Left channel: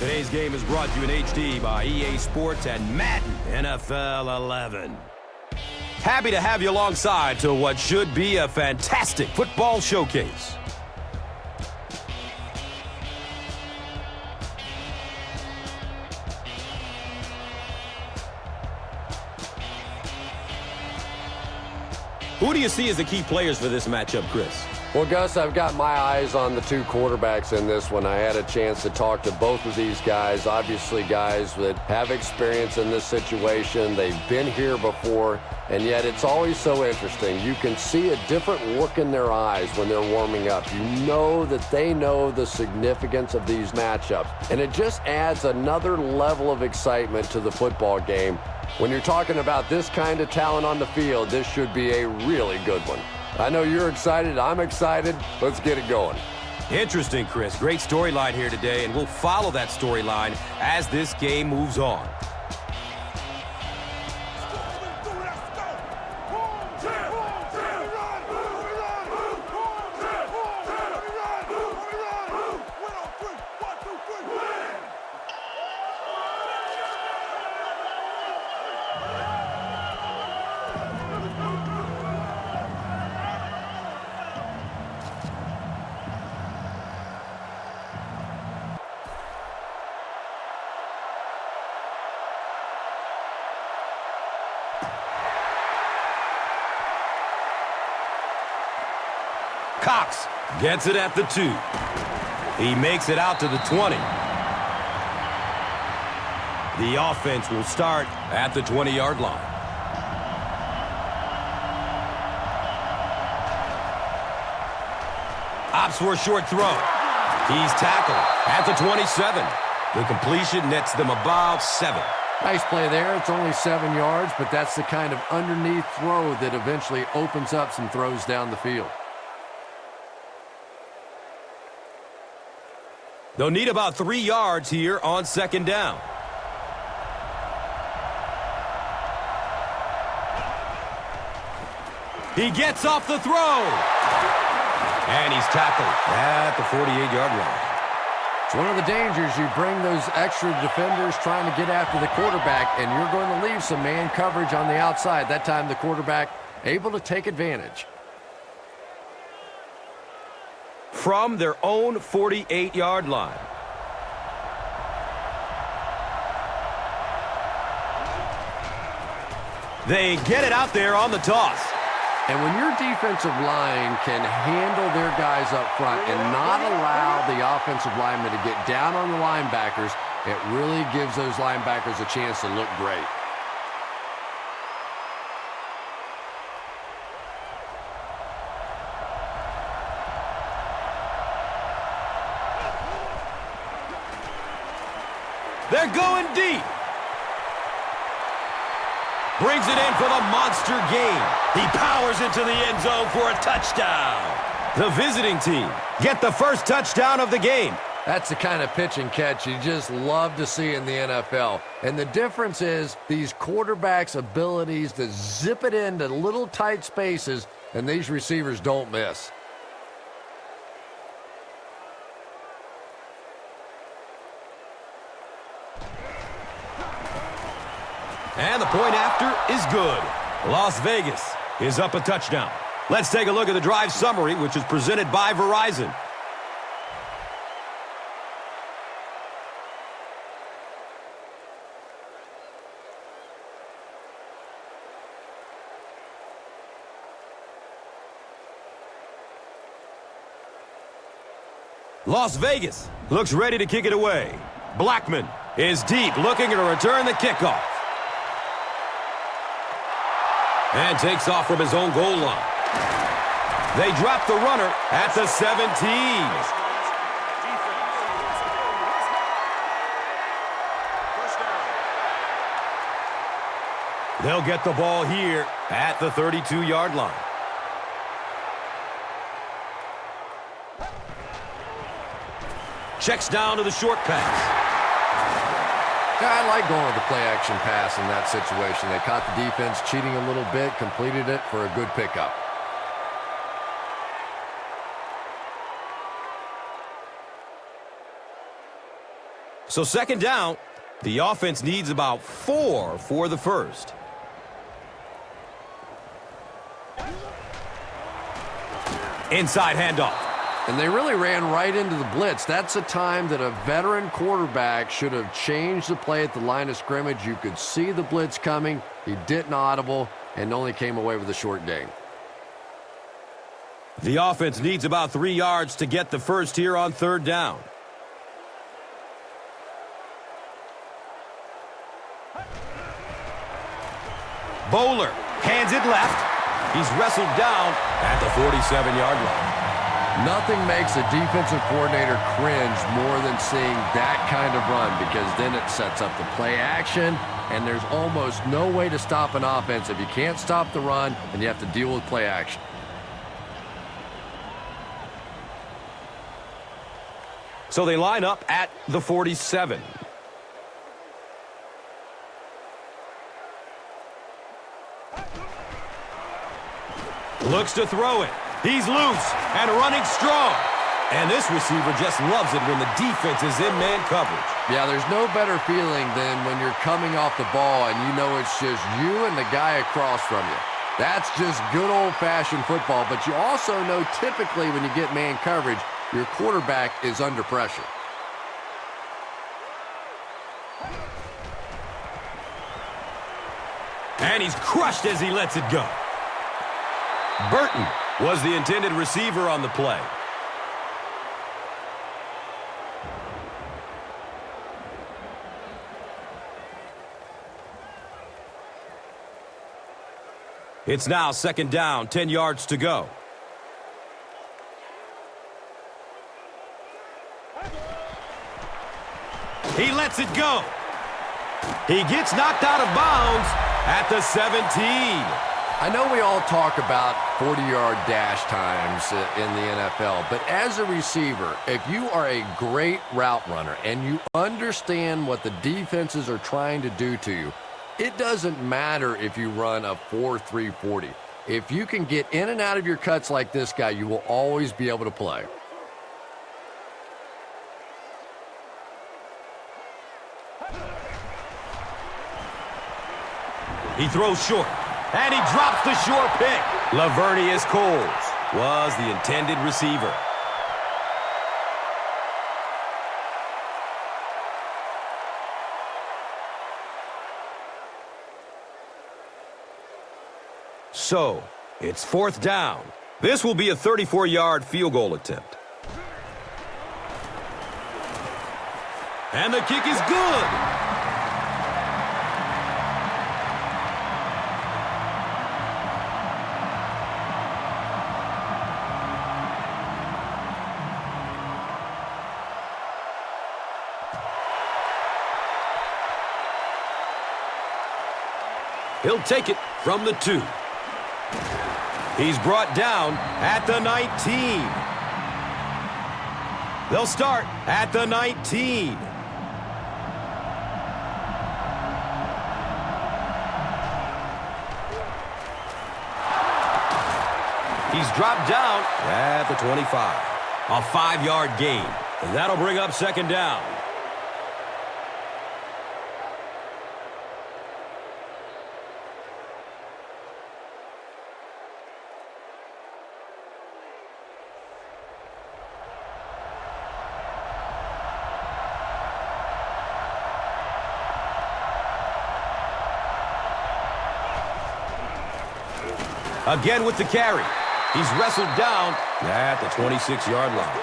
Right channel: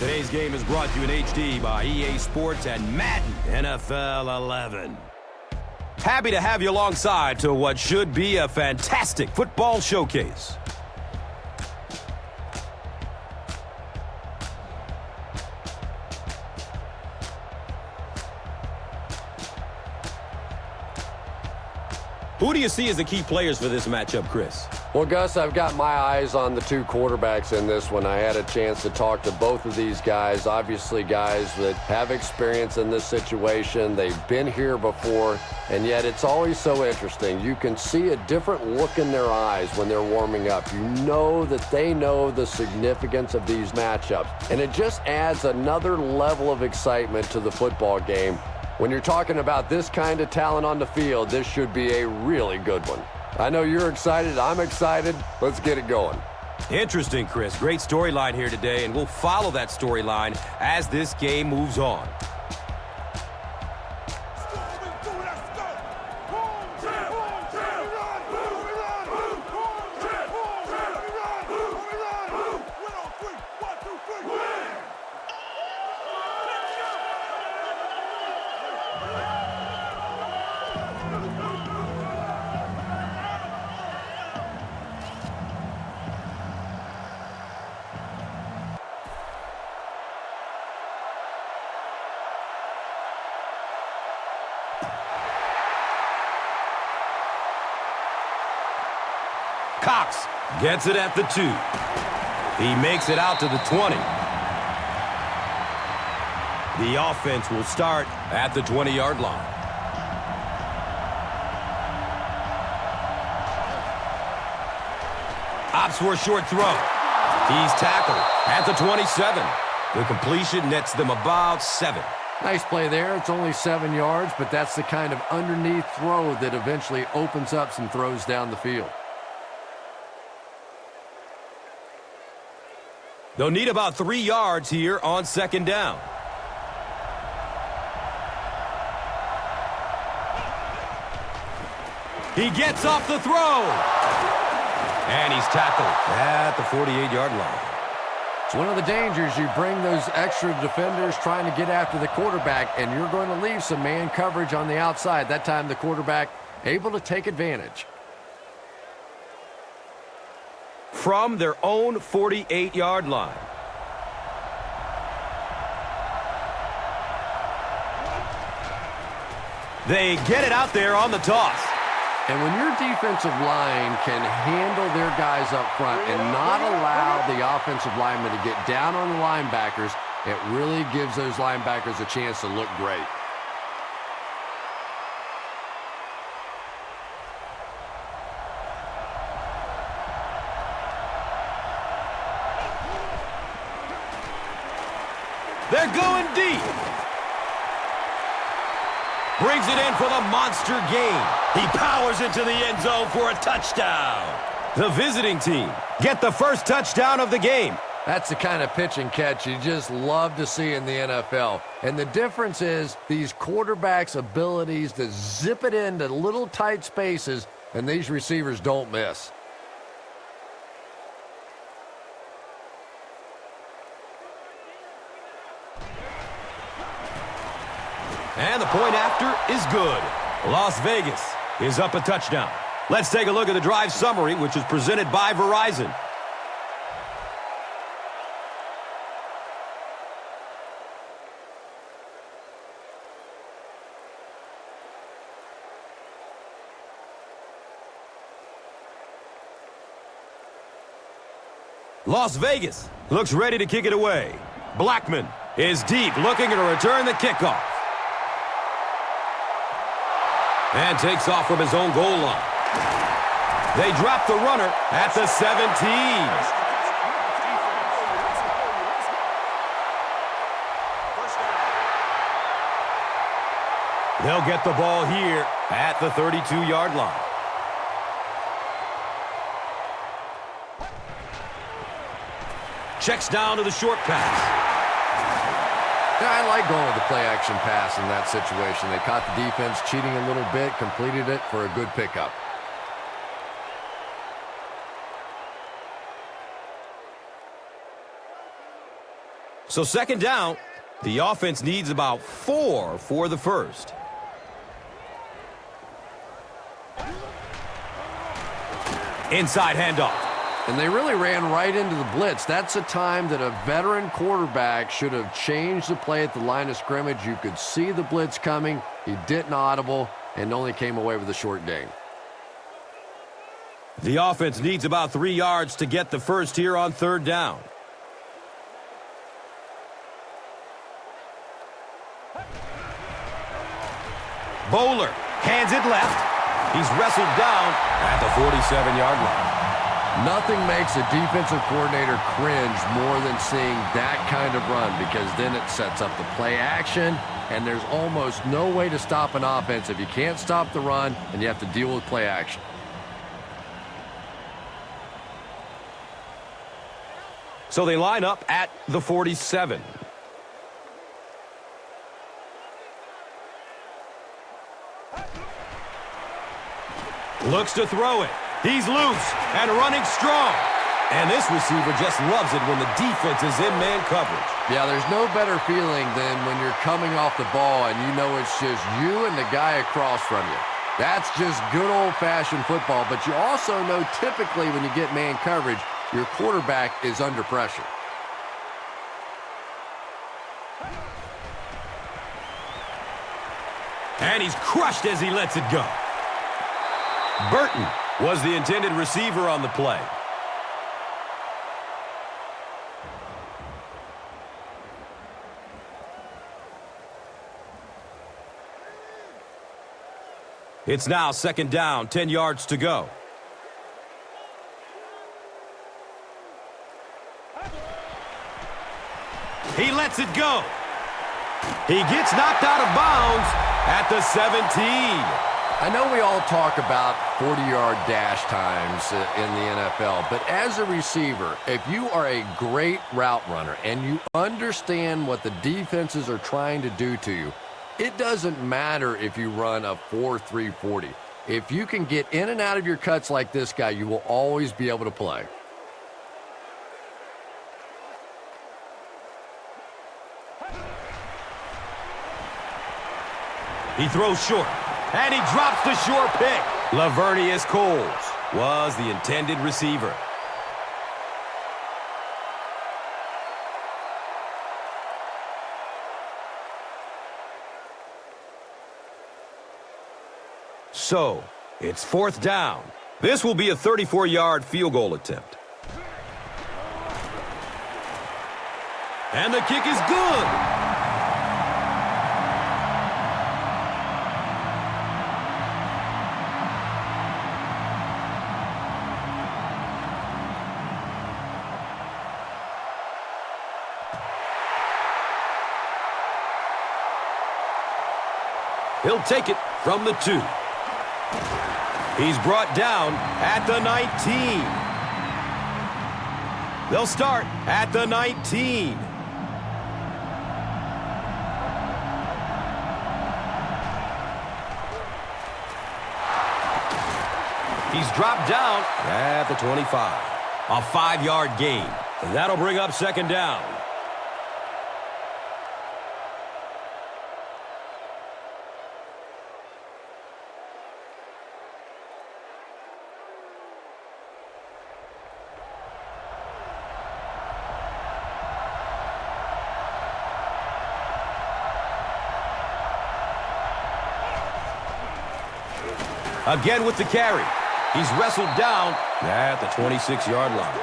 Today's game is brought to you in HD by EA Sports and Madden NFL 11. Happy to have you alongside to what should be a fantastic football showcase. Who do you see as the key players for this matchup, Chris? Well, Gus, I've got my eyes on the two quarterbacks in this one. I had a chance to talk to both of these guys, obviously guys that have experience in this situation. They've been here before, and yet it's always so interesting. You can see a different look in their eyes when they're warming up. You know that they know the significance of these matchups, and it just adds another level of excitement to the football game. When you're talking about this kind of talent on the field, this should be a really good one. I know you're excited. I'm excited. Let's get it going. Interesting, Chris. Great storyline here today, and we'll follow that storyline as this game moves on. Cox gets it at the 2. He makes it out to the 20. The offense will start at the 20-yard line. Opts for a short throw. He's tackled at the 27. The completion nets them about 7. Nice play there. It's only 7 yards, but that's the kind of underneath throw that eventually opens up some throws down the field. They'll need about 3 yards here on second down. He gets off the throw. And he's tackled at the 48-yard line. It's one of the dangers. You bring those extra defenders trying to get after the quarterback, and you're going to leave some man coverage on the outside. That time the quarterback able to take advantage. From their own 48-yard line. They get it out there on the toss. And when your defensive line can handle their guys up front and not allow the offensive linemen to get down on the linebackers, it really gives those linebackers a chance to look great. They're going deep. Brings it in for the monster gain. He powers into the end zone for a touchdown. The visiting team get the first touchdown of the game. That's the kind of pitch and catch you just love to see in the NFL. And the difference is these quarterbacks' abilities to zip it into little tight spaces, and these receivers don't miss. And the point after is good. Las Vegas is up a touchdown. Let's take a look at the drive summary, which is presented by Verizon. Las Vegas looks ready to kick it away. Blackman is deep, looking to return the kickoff. And takes off from his own goal line. They drop the runner at the 17. They'll get the ball here at the 32-yard line. Checks down to the short pass. Yeah, I like going with the play-action pass in that situation. They caught the defense cheating a little bit, completed it for a good pickup. So second down, the offense needs about 4 for the first. Inside handoff. And they really ran right into the blitz. That's a time that a veteran quarterback should have changed the play at the line of scrimmage. You could see the blitz coming. He didn't audible and only came away with a short gain. The offense needs about 3 yards to get the first here on third down. Bowler hands it left. He's wrestled down at the 47-yard line. Nothing makes a defensive coordinator cringe more than seeing that kind of run, because then it sets up the play action, and there's almost no way to stop an offense if you can't stop the run and you have to deal with play action. So they line up at the 47. Looks to throw it. He's loose and running strong. And this receiver just loves it when the defense is in man coverage. Yeah, there's no better feeling than when you're coming off the ball and you know it's just you and the guy across from you. That's just good old-fashioned football, but you also know typically when you get man coverage, your quarterback is under pressure. And he's crushed as he lets it go. Barton was the intended receiver on the play. It's now second down, 10 yards to go. He lets it go. He gets knocked out of bounds at the 17. I know we all talk about 40-yard dash times in the NFL, but as a receiver, if you are a great route runner and you understand what the defenses are trying to do to you, it doesn't matter if you run a 4.3 40. If you can get in and out of your cuts like this guy, you will always be able to play. He throws short, and he drops the short pick. Lavernius Coles was the intended receiver. So, it's fourth down. This will be a 34-yard field goal attempt. And the kick is good. He'll take it from the 2. He's brought down at the 19. They'll start at the 19. He's dropped down at the 25. A 5-yard gain. And that'll bring up second down. Again with the carry. He's wrestled down at the 26-yard line.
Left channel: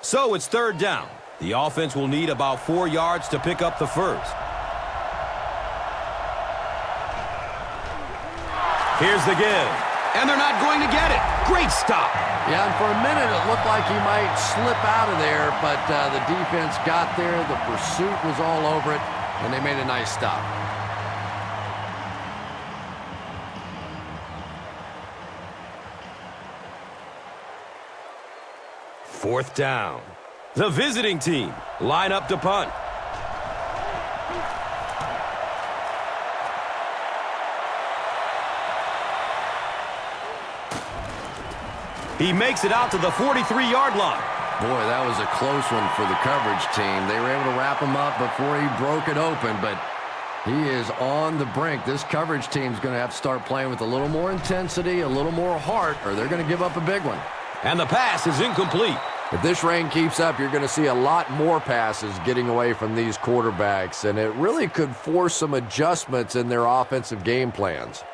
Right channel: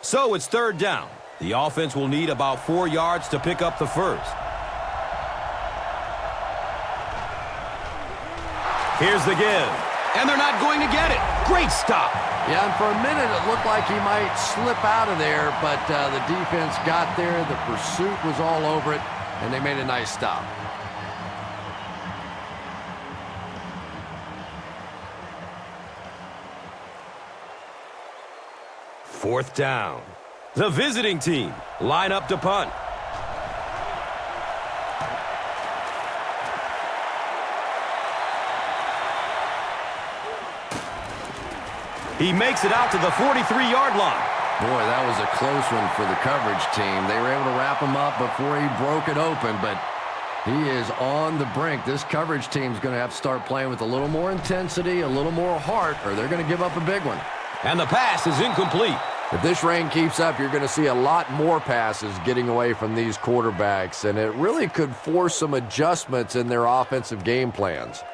So it's third down. The offense will need about 4 yards to pick up the first. Here's the give. And they're not going to get it. Great stop. Yeah, and for a minute it looked like he might slip out of there, but the defense got there, the pursuit was all over it, and they made a nice stop. Fourth down. The visiting team line up to punt. He makes it out to the 43-yard line. Boy, that was a close one for the coverage team. They were able to wrap him up before he broke it open, but he is on the brink. This coverage team's going to have to start playing with a little more intensity, a little more heart, or they're going to give up a big one. And the pass is incomplete. If this rain keeps up, you're going to see a lot more passes getting away from these quarterbacks, and it really could force some adjustments in their offensive game plans.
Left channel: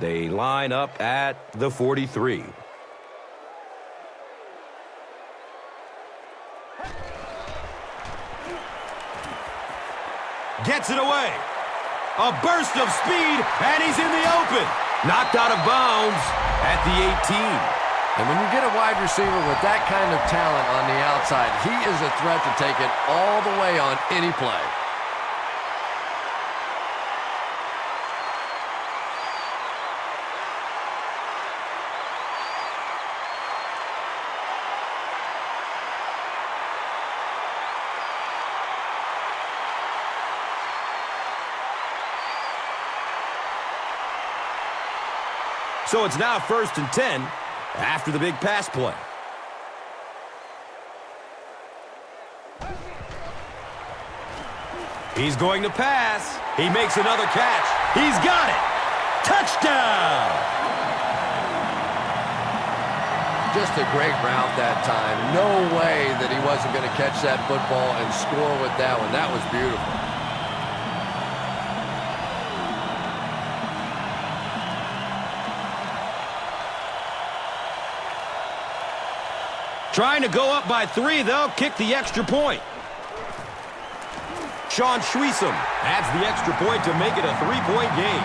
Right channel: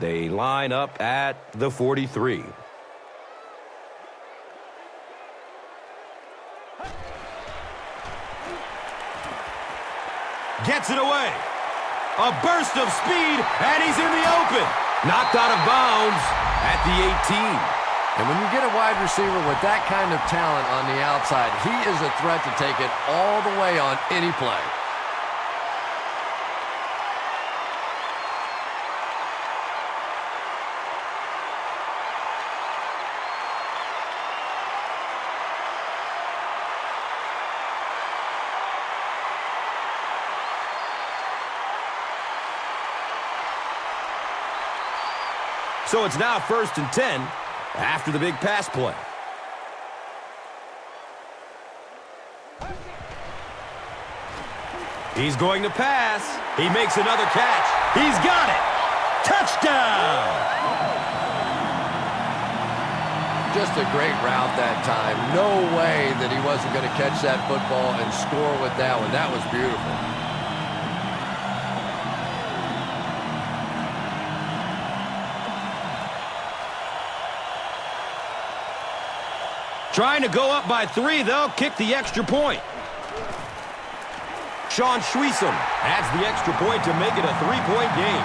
They line up at the 43. Gets it away. A burst of speed, and he's in the open. Knocked out of bounds at the 18. And when you get a wide receiver with that kind of talent on the outside, he is a threat to take it all the way on any play. So it's now 1st and 10 after the big pass play. He's going to pass. He makes another catch. He's got it. Touchdown! Just a great route that time. No way that he wasn't going to catch that football and score with that one. That was beautiful. Trying to go up by 3, they'll kick the extra point. Shaun adds the extra point to make it a 3-point game.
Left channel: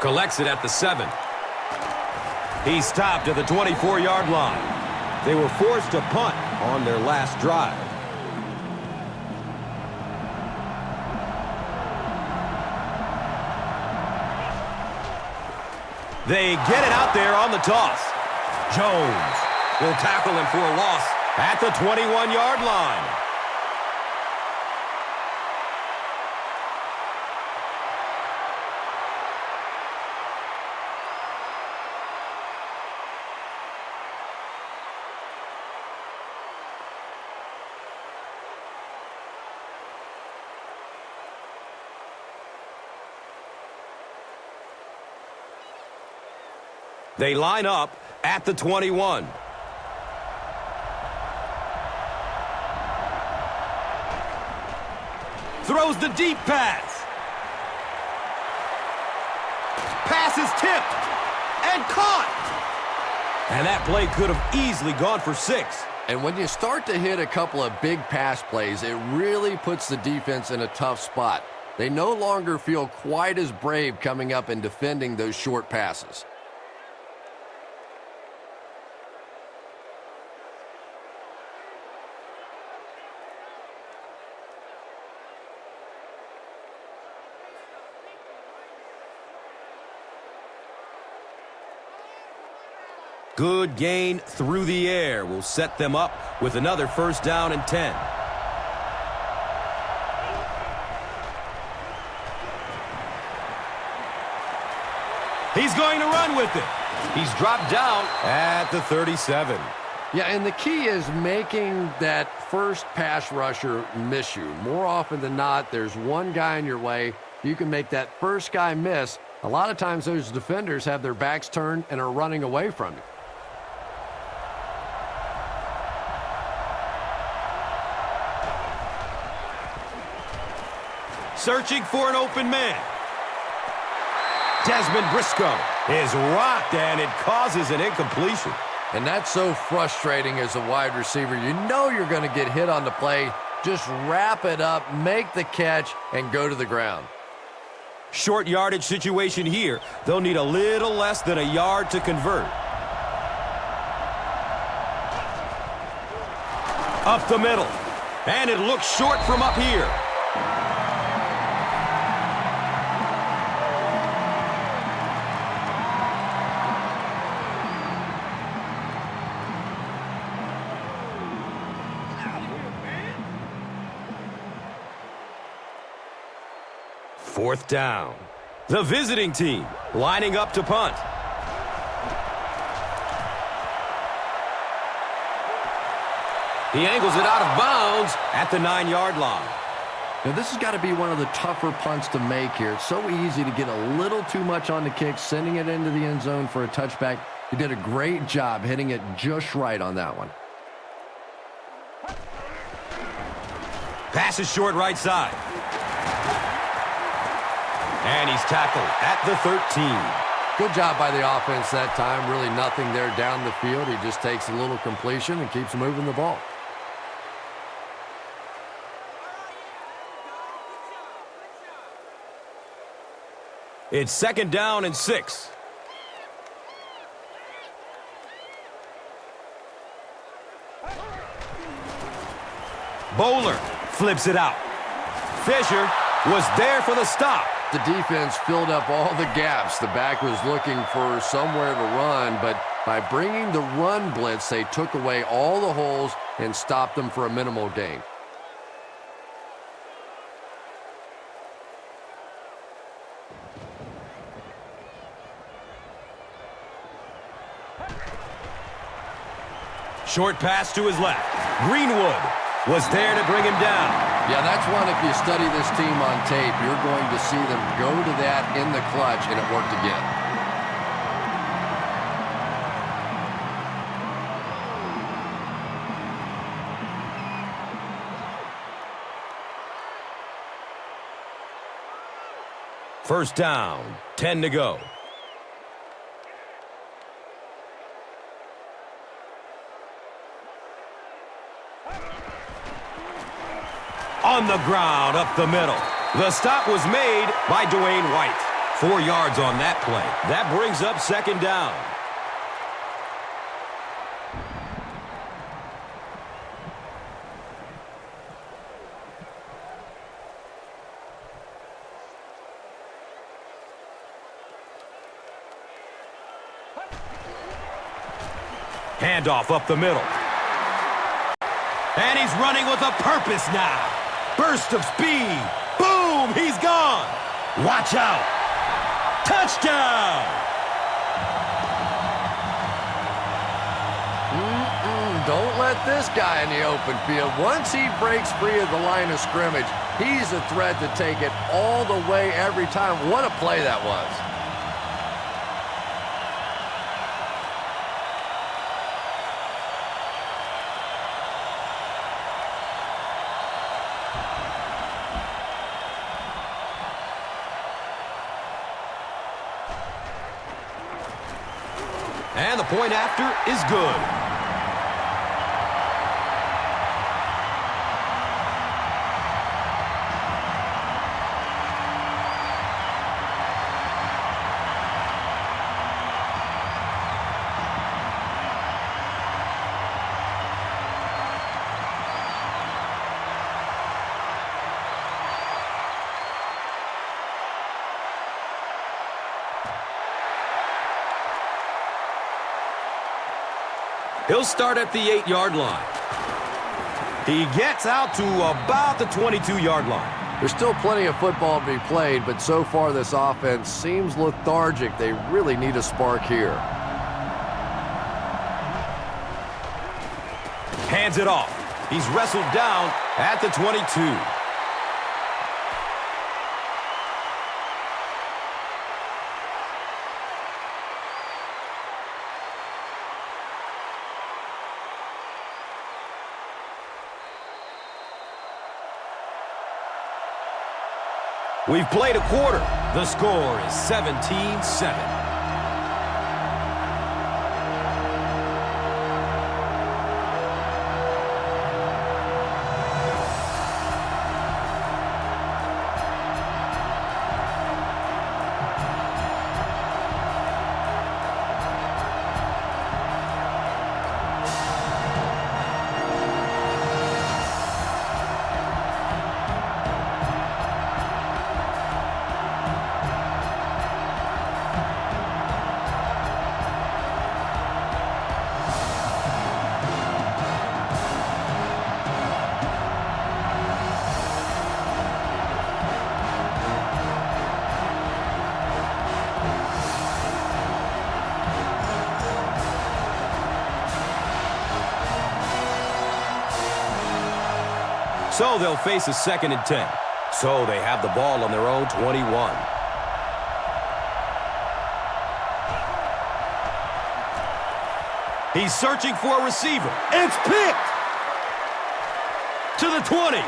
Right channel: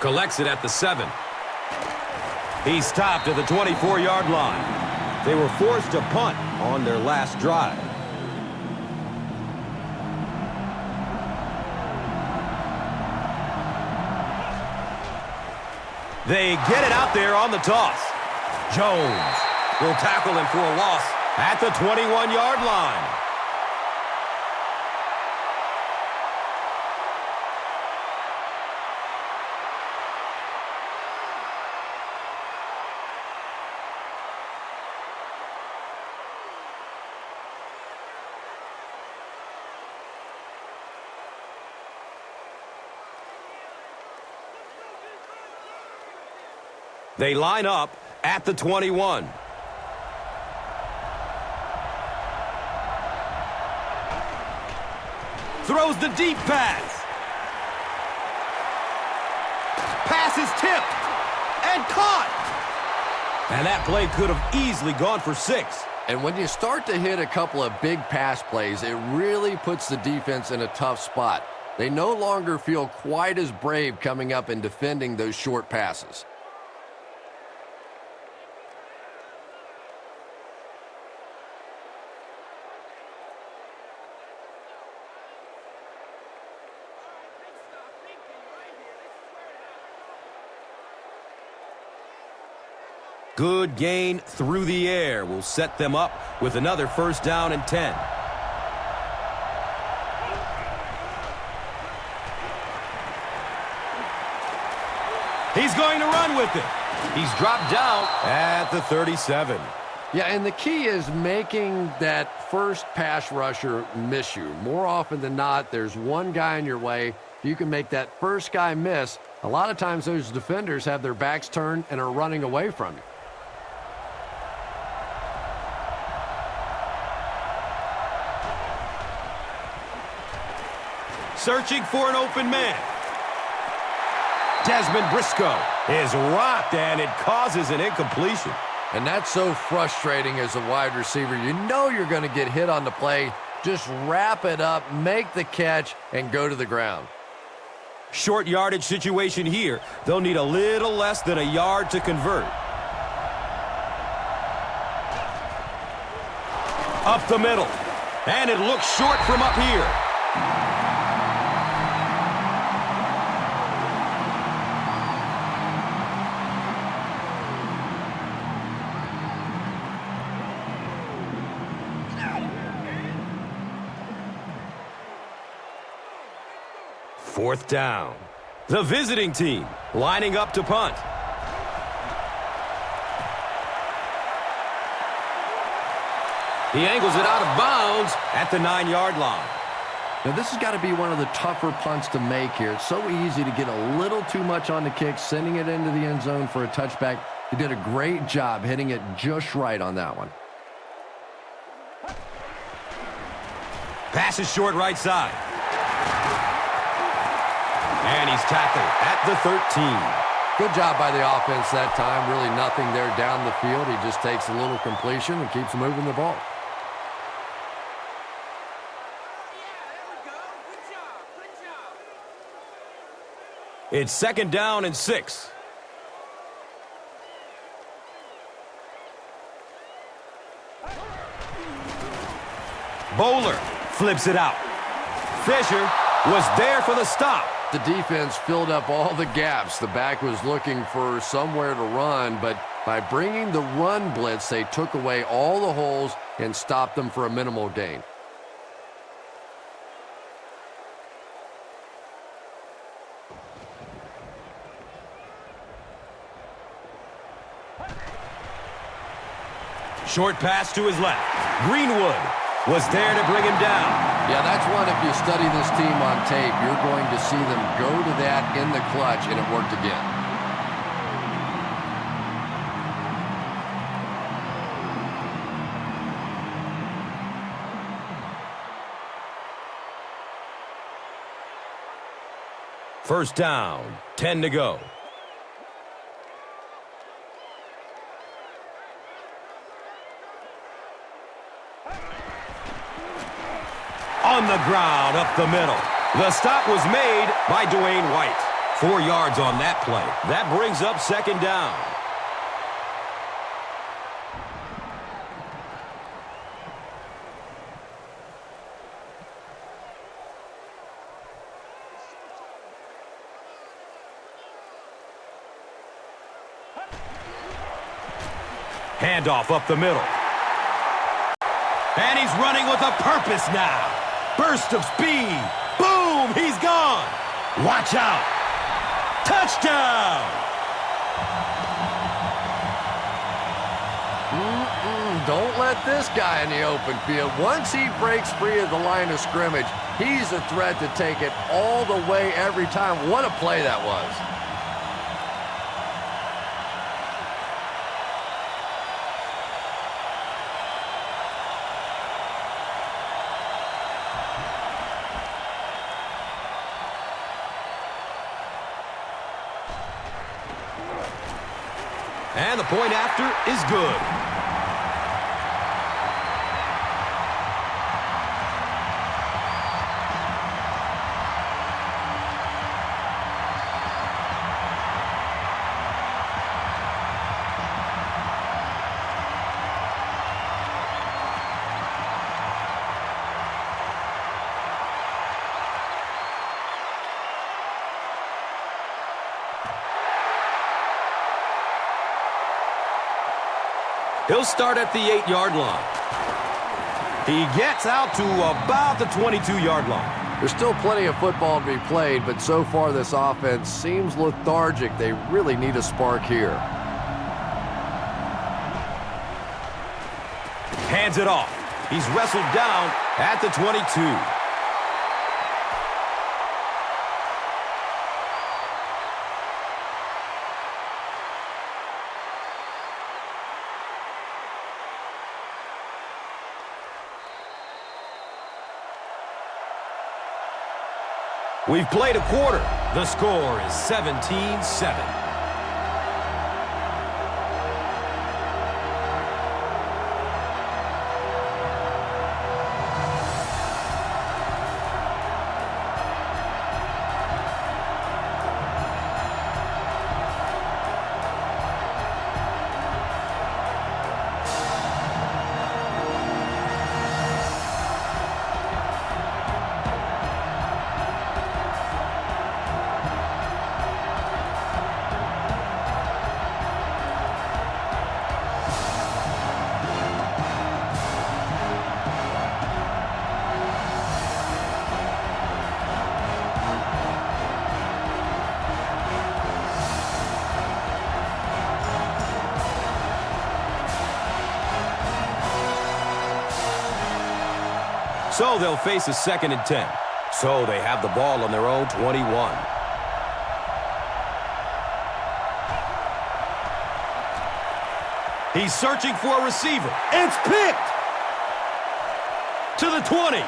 Collects it at the 7. He's stopped at the 24-yard line. They were forced to punt on their last drive. They get it out there on the toss. Jones will tackle him for a loss at the 21-yard line. They line up at the 21. Throws the deep pass. Pass is tipped and caught. And that play could have easily gone for 6. And when you start to hit a couple of big pass plays, it really puts the defense in a tough spot. They no longer feel quite as brave coming up and defending those short passes. Good gain through the air will set them up with another 1st down and 10. He's going to run with it. He's dropped down at the 37. Yeah, and the key is making that first pass rusher miss you. More often than not, there's one guy in your way. You can make that first guy miss. A lot of times those defenders have their backs turned and are running away from you. Searching for an open man. Dezmon Briscoe is rocked, and it causes an incompletion. And that's so frustrating as a wide receiver. You know you're going to get hit on the play. Just wrap it up, make the catch, and go to the ground. Short yardage situation here. They'll need a little less than a yard to convert. Up the middle. And it looks short from up here. Fourth down. The visiting team lining up to punt. He angles it out of bounds at the 9-yard line. Now, this has got to be one of the tougher punts to make here. It's so easy to get a little too much on the kick, sending it into the end zone for a touchback. He did a great job hitting it just right on that one. Pass is short right side. And he's tackled at the 13. Good job by the offense that time. Really nothing there down the field. He just takes a little completion and keeps moving the ball. It's 2nd down and 6. Bowler flips it out. Fisher was there for the stop. The defense filled up all the gaps. The back was looking for somewhere to run, but by bringing the run blitz, they took away all the holes and stopped them for a minimal gain. Short pass to his left. Greenwood was there to bring him down. Yeah, that's one, if you study this team on tape, you're going to see them go to that in the clutch, and it worked again. First down, 10 to go. On the ground, up the middle. The stop was made by Dwayne White. 4 yards on that play. That brings up 2nd down. Handoff up the middle. And he's running with a purpose now. Burst of speed. Boom! He's gone. Watch out. Touchdown! Don't let this guy in the open field. Once he breaks free of the line of scrimmage, he's a threat to take it all the way every time. What a play that was. And the point after is good. He'll start at the 8-yard line. He gets out to about the 22-yard line. There's still plenty of football to be played, but so far this offense seems lethargic. They really need a spark here. Hands it off. He's wrestled down at the 22. We've played a quarter. The score is 17-7. So they'll face a 2nd and 10. So they have the ball on their own 21. He's searching for a receiver. It's picked! To the 20.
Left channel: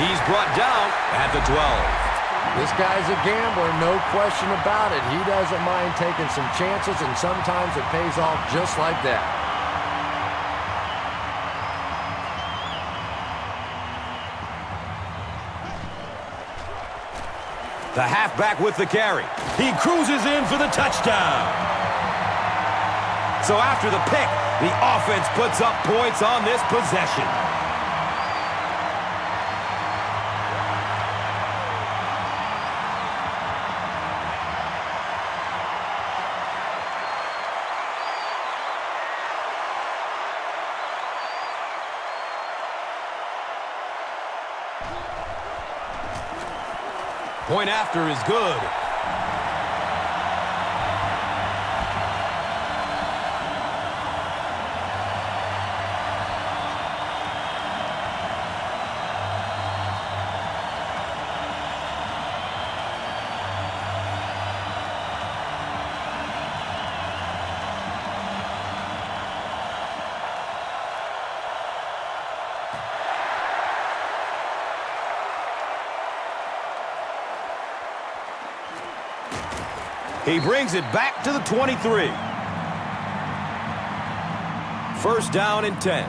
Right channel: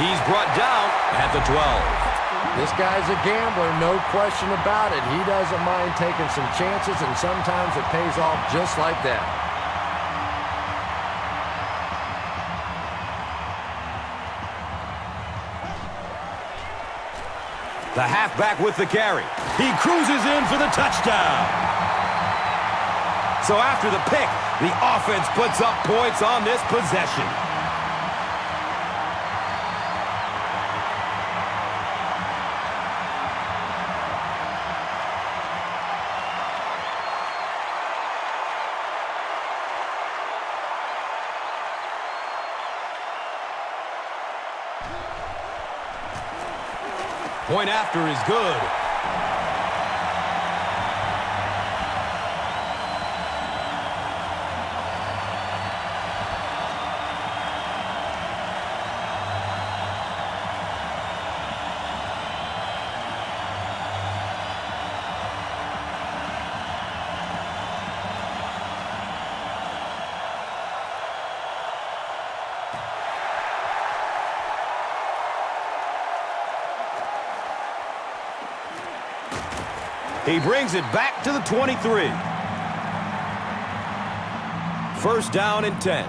He's brought down at the 12. This guy's a gambler, no question about it. He doesn't mind taking some chances, and sometimes it pays off just like that. The halfback with the carry. He cruises in for the touchdown. So after the pick, the offense puts up points on this possession. Point after is good. He brings it back to the 23. First down and 10.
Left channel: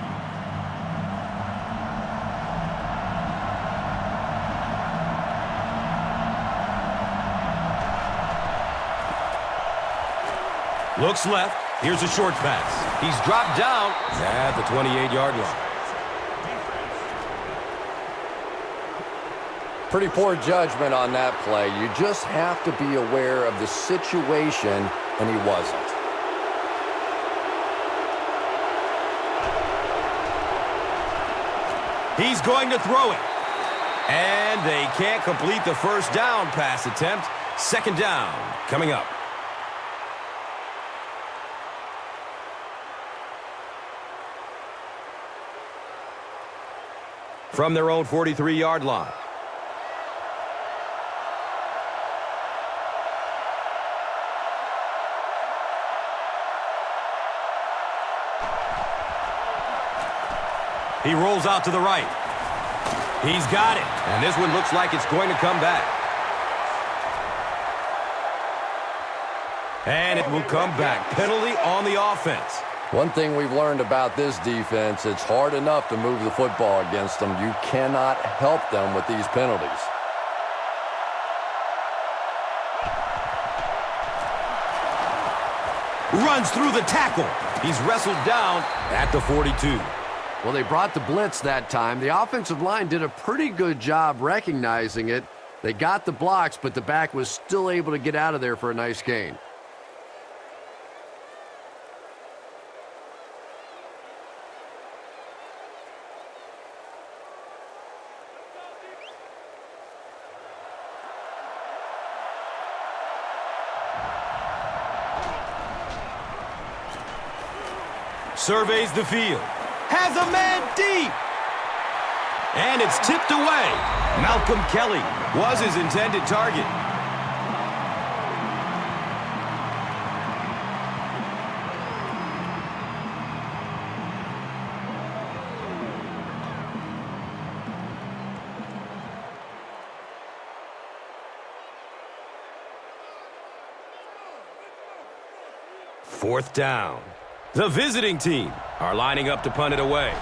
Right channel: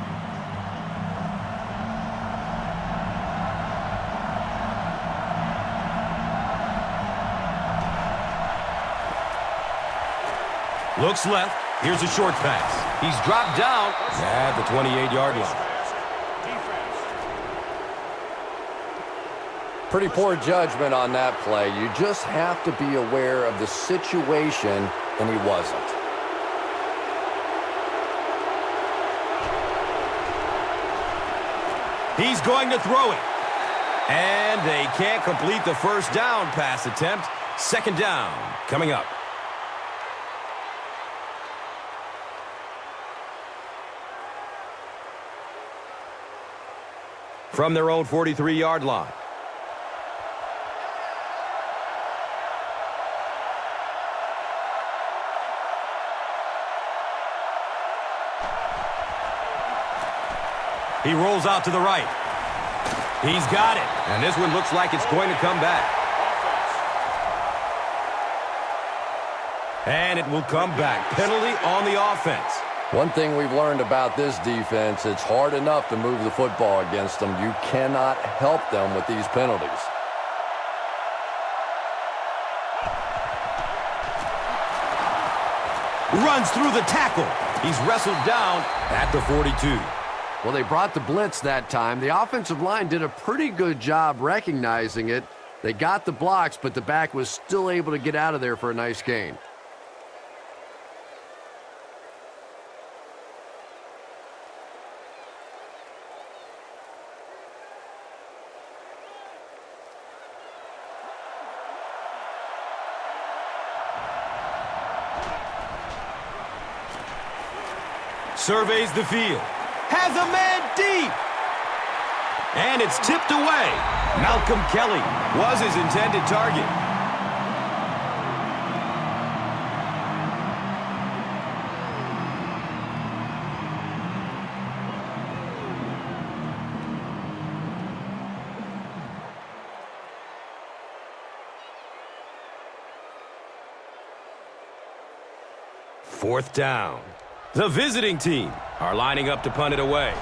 Looks left. Here's a short pass. He's dropped down at the 28-yard line. Pretty poor judgment on that play. You just have to be aware of the situation, and he wasn't. He's going to throw it. And they can't complete the first down pass attempt. Second down coming up. From their own 43-yard line. He rolls out to the right. He's got it. And this one looks like it's going to come back. And it will come back. Penalty on the offense. One thing we've learned about this defense, it's hard enough to move the football against them. You cannot help them with these penalties. Runs through the tackle. He's wrestled down at the 42. Well, they brought the blitz that time. The offensive line did a pretty good job recognizing it. They got the blocks, but the back was still able to get out of there for a nice gain. Surveys the field. Has a man deep. And it's tipped away. Malcolm Kelly was his intended target. Fourth down. The visiting team are lining up to punt it away.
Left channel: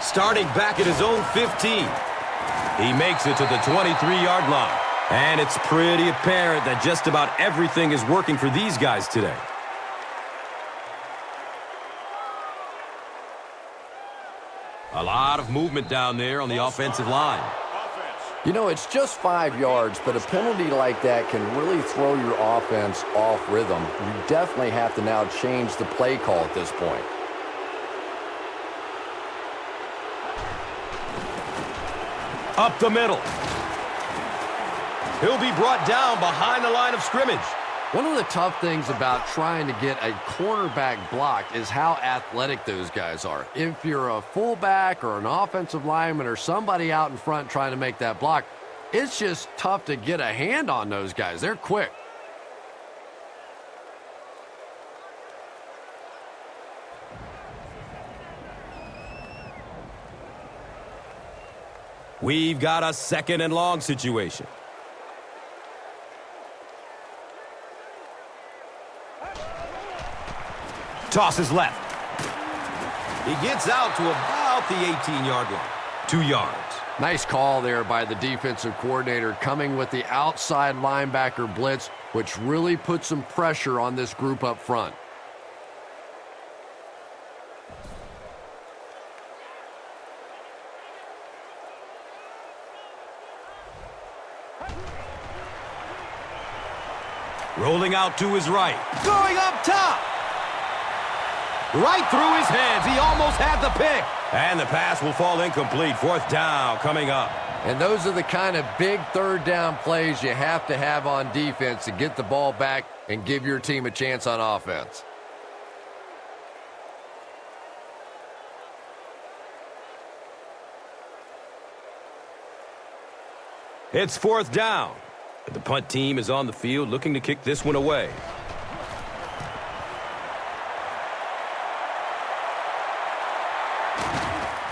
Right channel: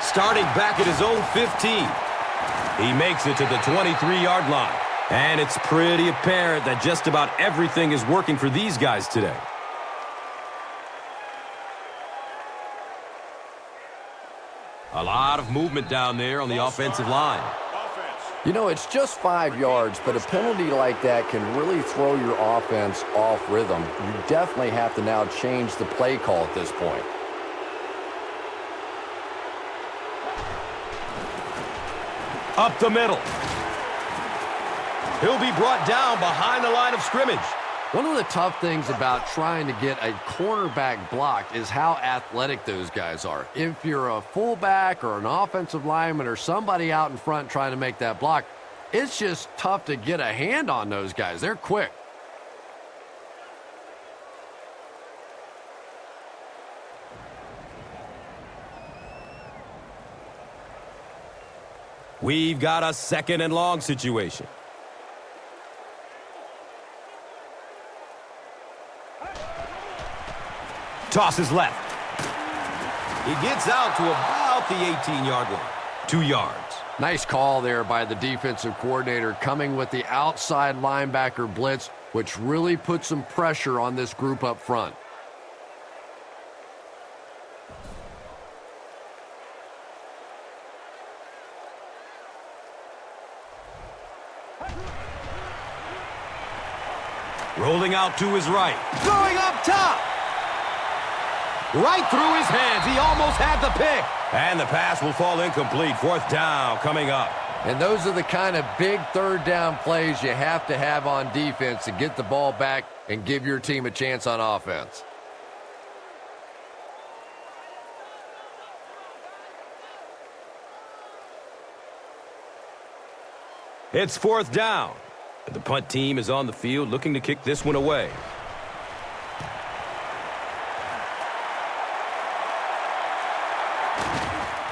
Starting back at his own 15. He makes it to the 23-yard line. And it's pretty apparent that just about everything is working for these guys today. A lot of movement down there on the offensive line. You know, it's just 5 yards, but a penalty like that can really throw your offense off rhythm. You definitely have to now change the play call at this point. Up the middle. He'll be brought down behind the line of scrimmage. One of the tough things about trying to get a cornerback blocked is how athletic those guys are. If you're a fullback or an offensive lineman or somebody out in front trying to make that block, it's just tough to get a hand on those guys. They're quick. We've got a 2nd and long situation. Tosses left. He gets out to about the 18-yard line. 2 yards. Nice call there by the defensive coordinator, coming with the outside linebacker blitz, which really put some pressure on this group up front. Rolling out to his right. Going up top. Right through his hands. He almost had the pick. And the pass will fall incomplete. 4th down coming up. And those are the kind of big 3rd down plays you have to have on defense to get the ball back and give your team a chance on offense. It's 4th down. The punt team is on the field looking to kick this one away.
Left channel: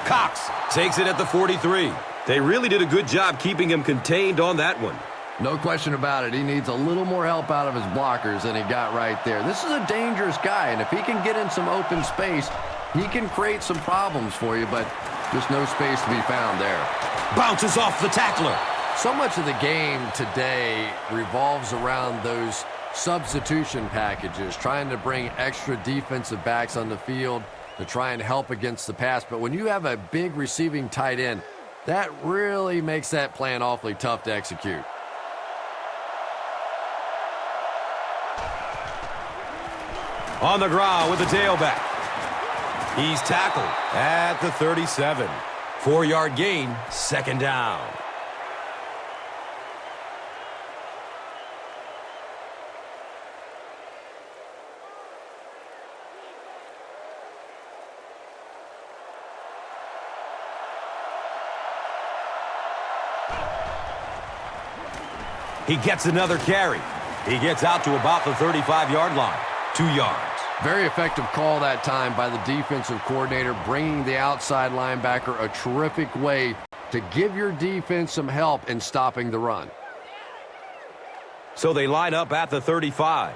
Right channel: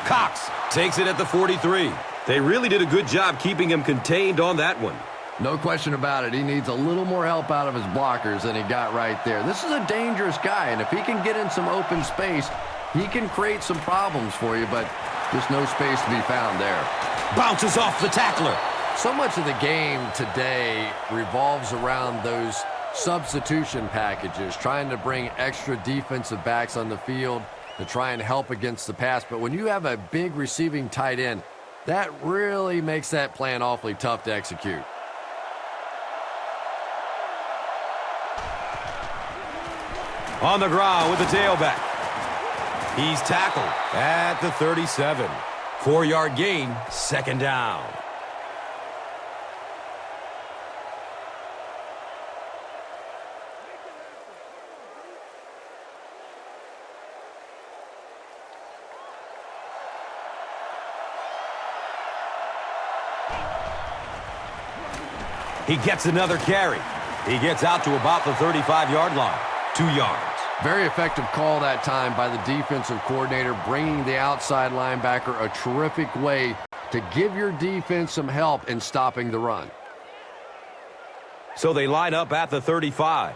Cox takes it at the 43. They really did a good job keeping him contained on that one. No question about it. He needs a little more help out of his blockers than he got right there. This is a dangerous guy, and if he can get in some open space, he can create some problems for you, but just no space to be found there. Bounces off the tackler. So much of the game today revolves around those substitution packages, trying to bring extra defensive backs on the field to try and help against the pass. But when you have a big receiving tight end, that really makes that plan awfully tough to execute. On the ground with the tailback. He's tackled at the 37. 4-yard gain, 2nd down. He gets another carry. He gets out to about the 35-yard line. 2 yards. Very effective call that time by the defensive coordinator, bringing the outside linebacker a terrific way to give your defense some help in stopping the run. So they line up at the 35.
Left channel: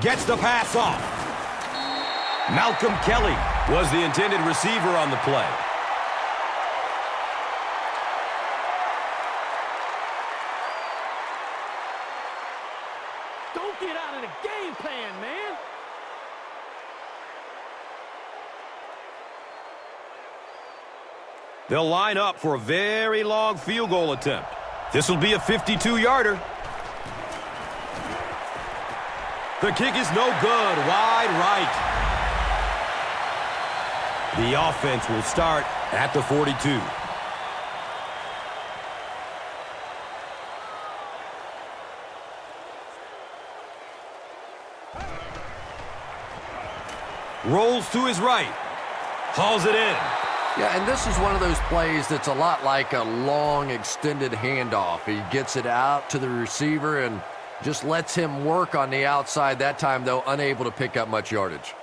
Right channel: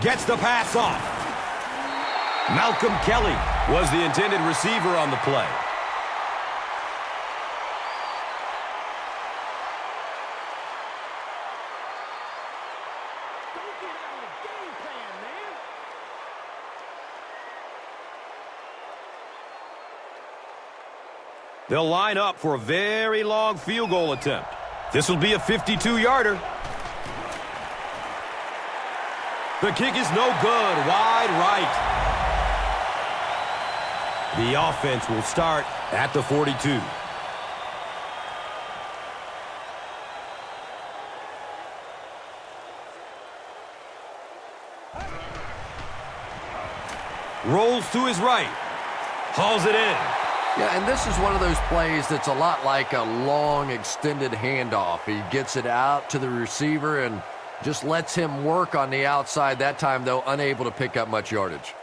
Gets the pass off. Malcolm Kelly was the intended receiver on the play. Don't get out of the game plan, man. They'll line up for a very long field goal attempt. This will be a 52-yarder. The kick is no good. Wide right. The offense will start at the 42. Rolls to his right. Hauls it in. Yeah, and this is one of those plays that's a lot like a long, extended handoff. He gets it out to the receiver and just lets him work on the outside. That time, though, unable to pick up much yardage.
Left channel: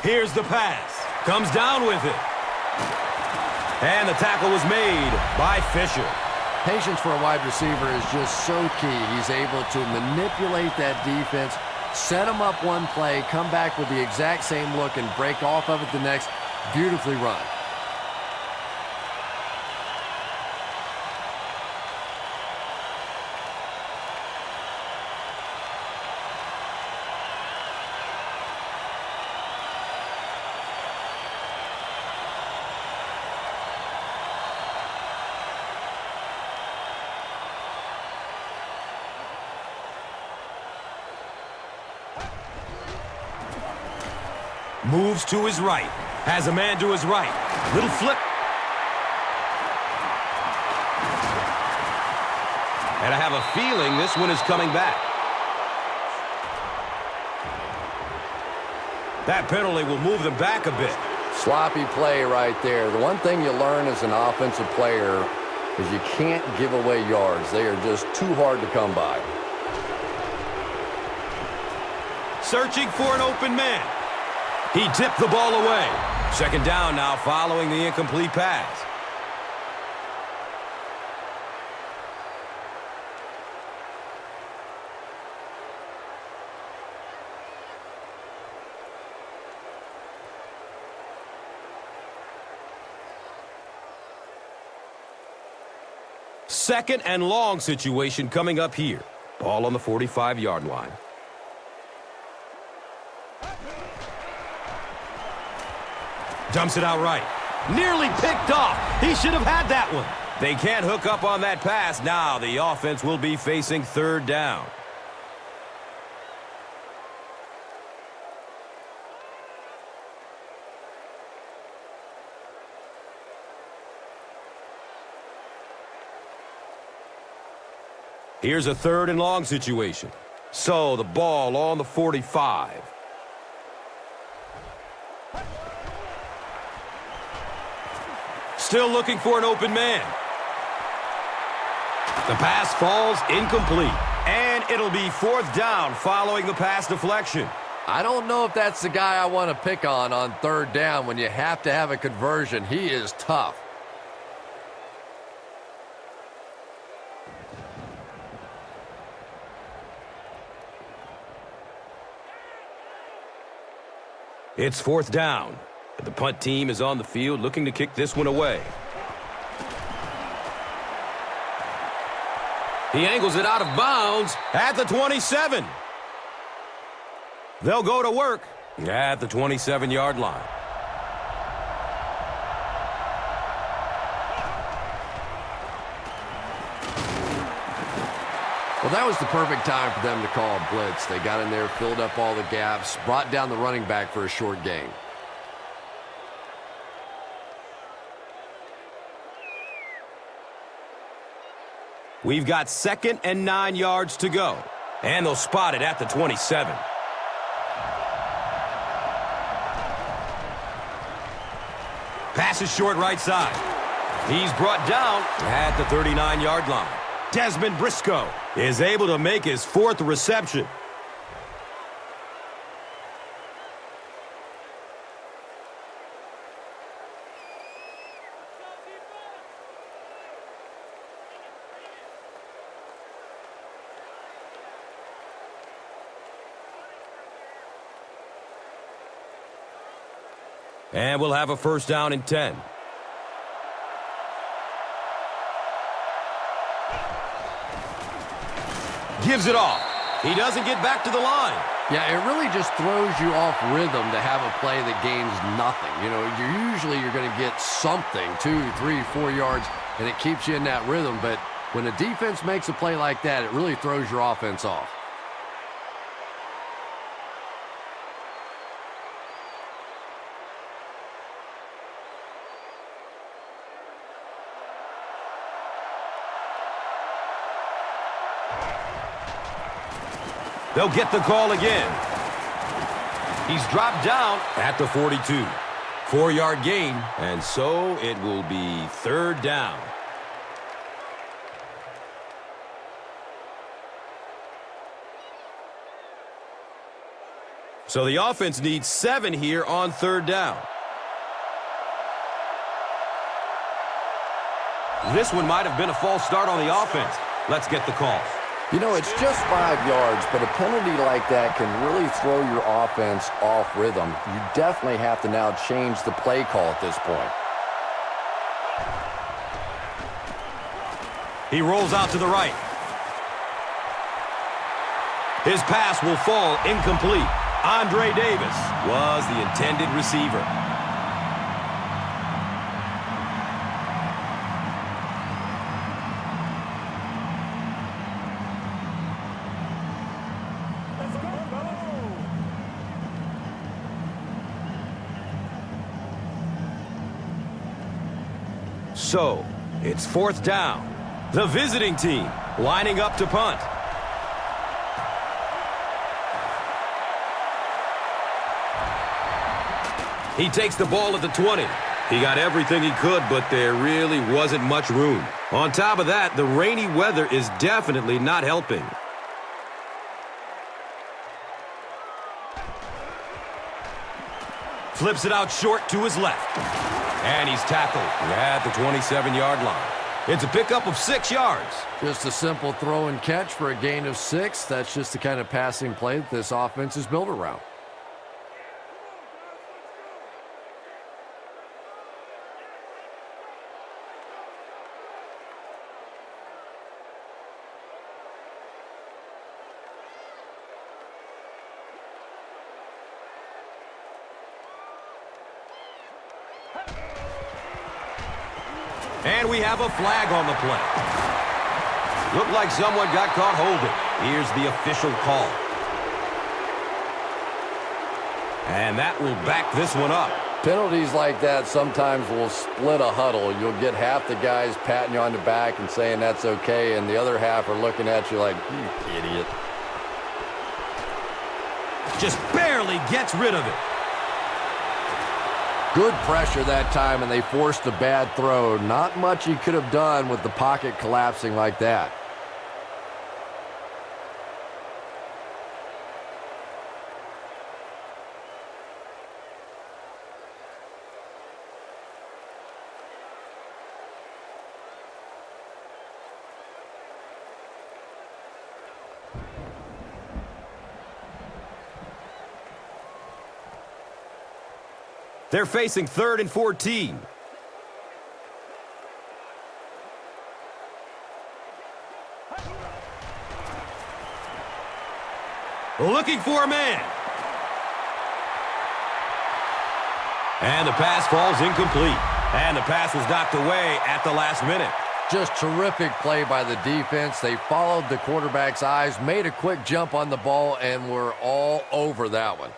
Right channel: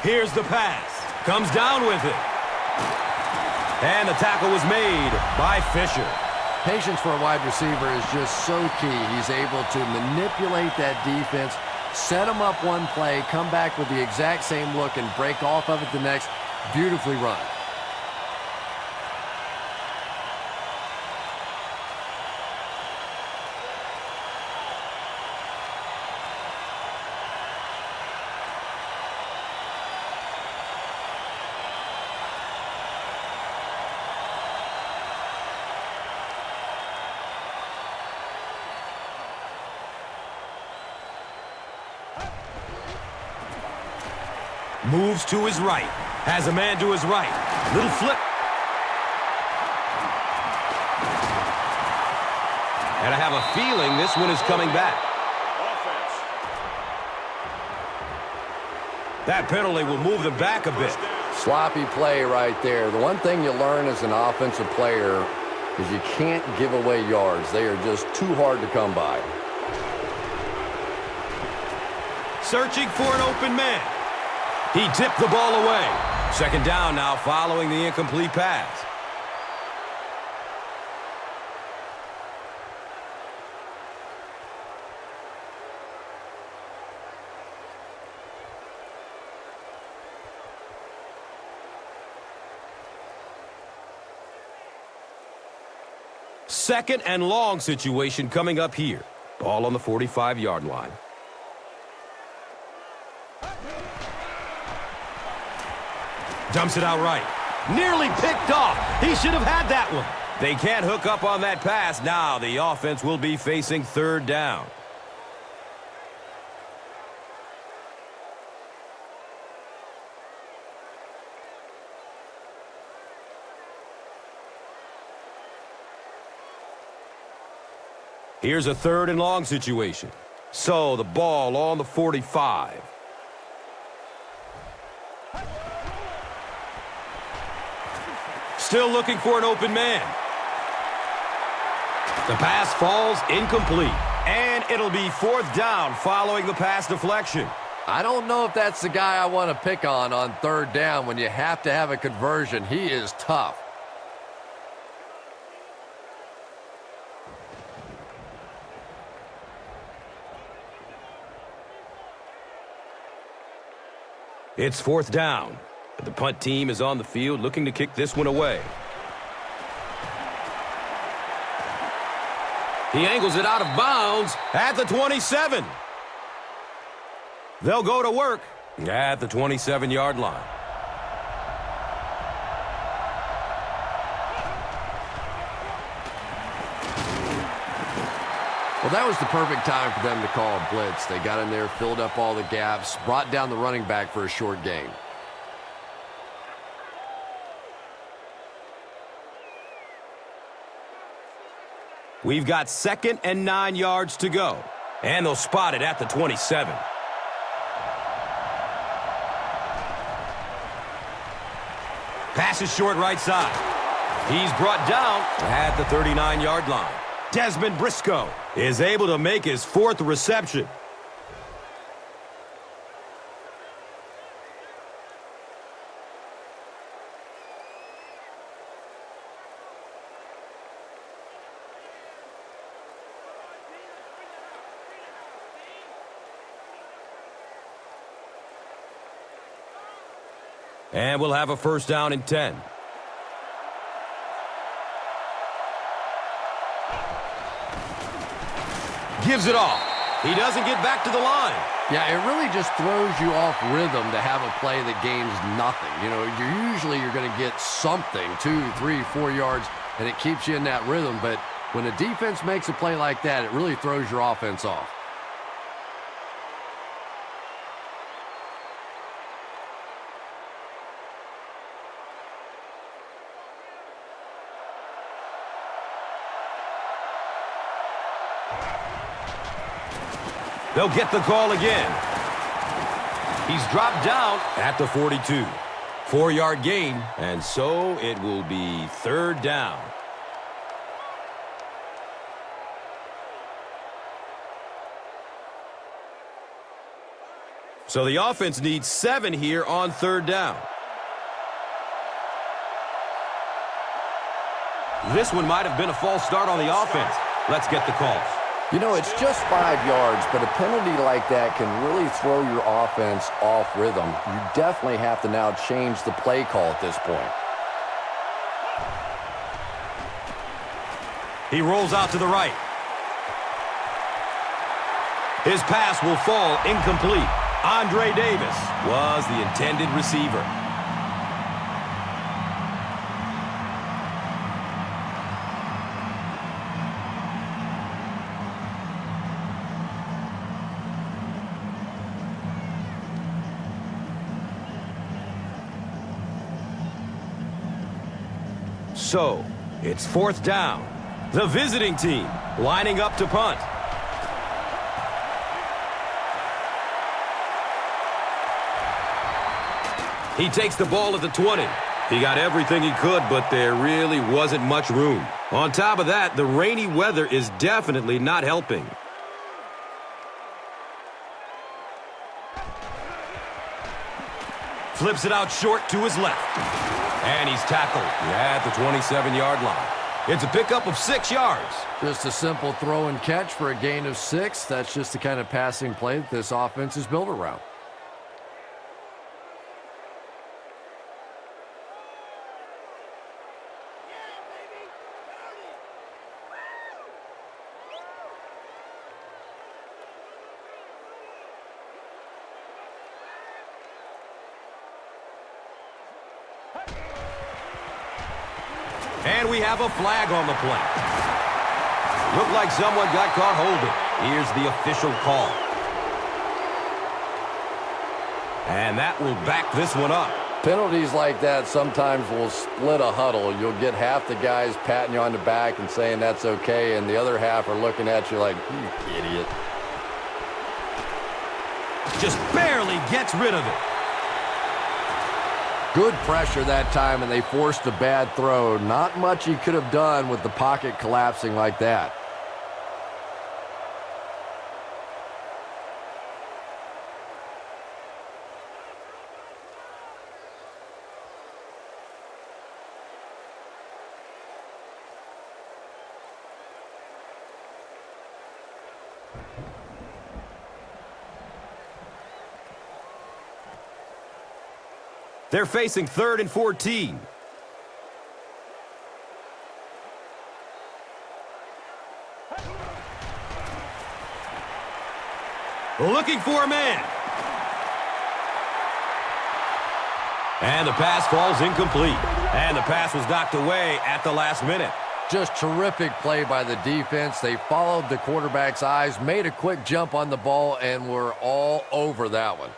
Here's the pass. Comes down with it. And the tackle was made by Fisher. Patience for a wide receiver is just so key. He's able to manipulate that defense, set them up one play, come back with the exact same look, and break off of it the next. Beautifully run. Moves to his right. Has a man to his right. Little flip. And I have a feeling this one is coming back. Offense. That penalty will move them back a bit. Sloppy play right there. The one thing you learn as an offensive player is you can't give away yards. They are just too hard to come by. Searching for an open man. He tipped the ball away. Second down now following the incomplete pass. Second and long situation coming up here. Ball on the 45-yard line. Dumps it out right. Nearly picked off. He should have had that one. They can't hook up on that pass. Now the offense will be facing third down. Here's a third and long situation. So the ball on the 45. Still looking for an open man. The pass falls incomplete. And it'll be fourth down following the pass deflection. I don't know if that's the guy I want to pick on third down when you have to have a conversion. He is tough. It's fourth down. The punt team is on the field looking to kick this one away. He angles it out of bounds at the 27. They'll go to work at the 27-yard line. Well, that was the perfect time for them to call a blitz. They got in there, filled up all the gaps, brought down the running back for a short gain. We've got 2nd and 9 yards to go. And they'll spot it at the 27. Pass is short right side. He's brought down at the 39-yard line. Dezmon Briscoe is able to make his 4th reception. And we'll have a first down and 10. Gives it off. He doesn't get back to the line. Yeah, it really just throws you off rhythm to have a play that gains nothing. You know, you're going to get something, 2, 3, 4 yards, and it keeps you in that rhythm. But when a defense makes a play like that, it really throws your offense off. They'll get the call again. He's dropped down at the 42. 4-yard gain, and so it will be third down. So the offense needs 7 here on third down. This one might have been a false start on the offense. Let's get the call. You know, it's just 5 yards, but a penalty like that can really throw your offense off rhythm. You definitely have to now change the play call at this point. He rolls out to the right. His pass will fall incomplete. Andre Davis was the intended receiver. So, it's 4th down. The visiting team lining up to punt. He takes the ball at the 20. He got everything he could, but there really wasn't much room. On top of that, the rainy weather is definitely not helping. Flips it out short to his left. And he's tackled at the 27-yard line. It's a pickup of 6 yards. Just a simple throw and catch for a gain of 6. That's just the kind of passing play that this offense is built around. And we have a flag on the play. Looked like someone got caught holding. Here's the official call. And that will back this one up. Penalties like that sometimes will split a huddle. You'll get half the guys patting you on the back and saying that's okay, and the other half are looking at you like, you idiot. Just barely gets rid of it. Good pressure that time, and they forced a bad throw. Not much he could have done with the pocket collapsing like that. They're facing 3rd and 14. Looking for a man. And the pass falls incomplete. And the pass was knocked away at the last minute. Just terrific play by the defense. They followed the quarterback's eyes, made a quick jump on the ball, and were all over that one.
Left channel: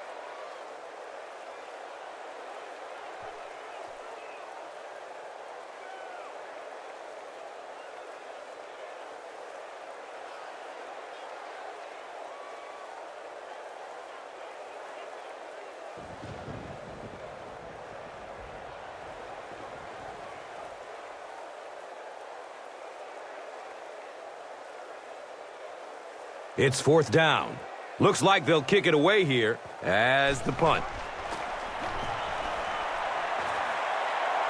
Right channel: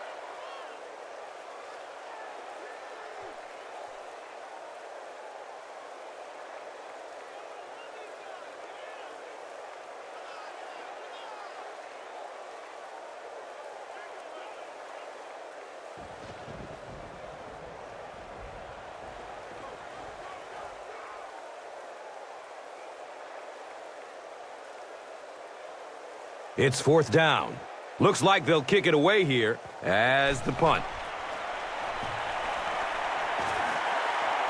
It's 4th down. Looks like they'll kick it away here as the punt.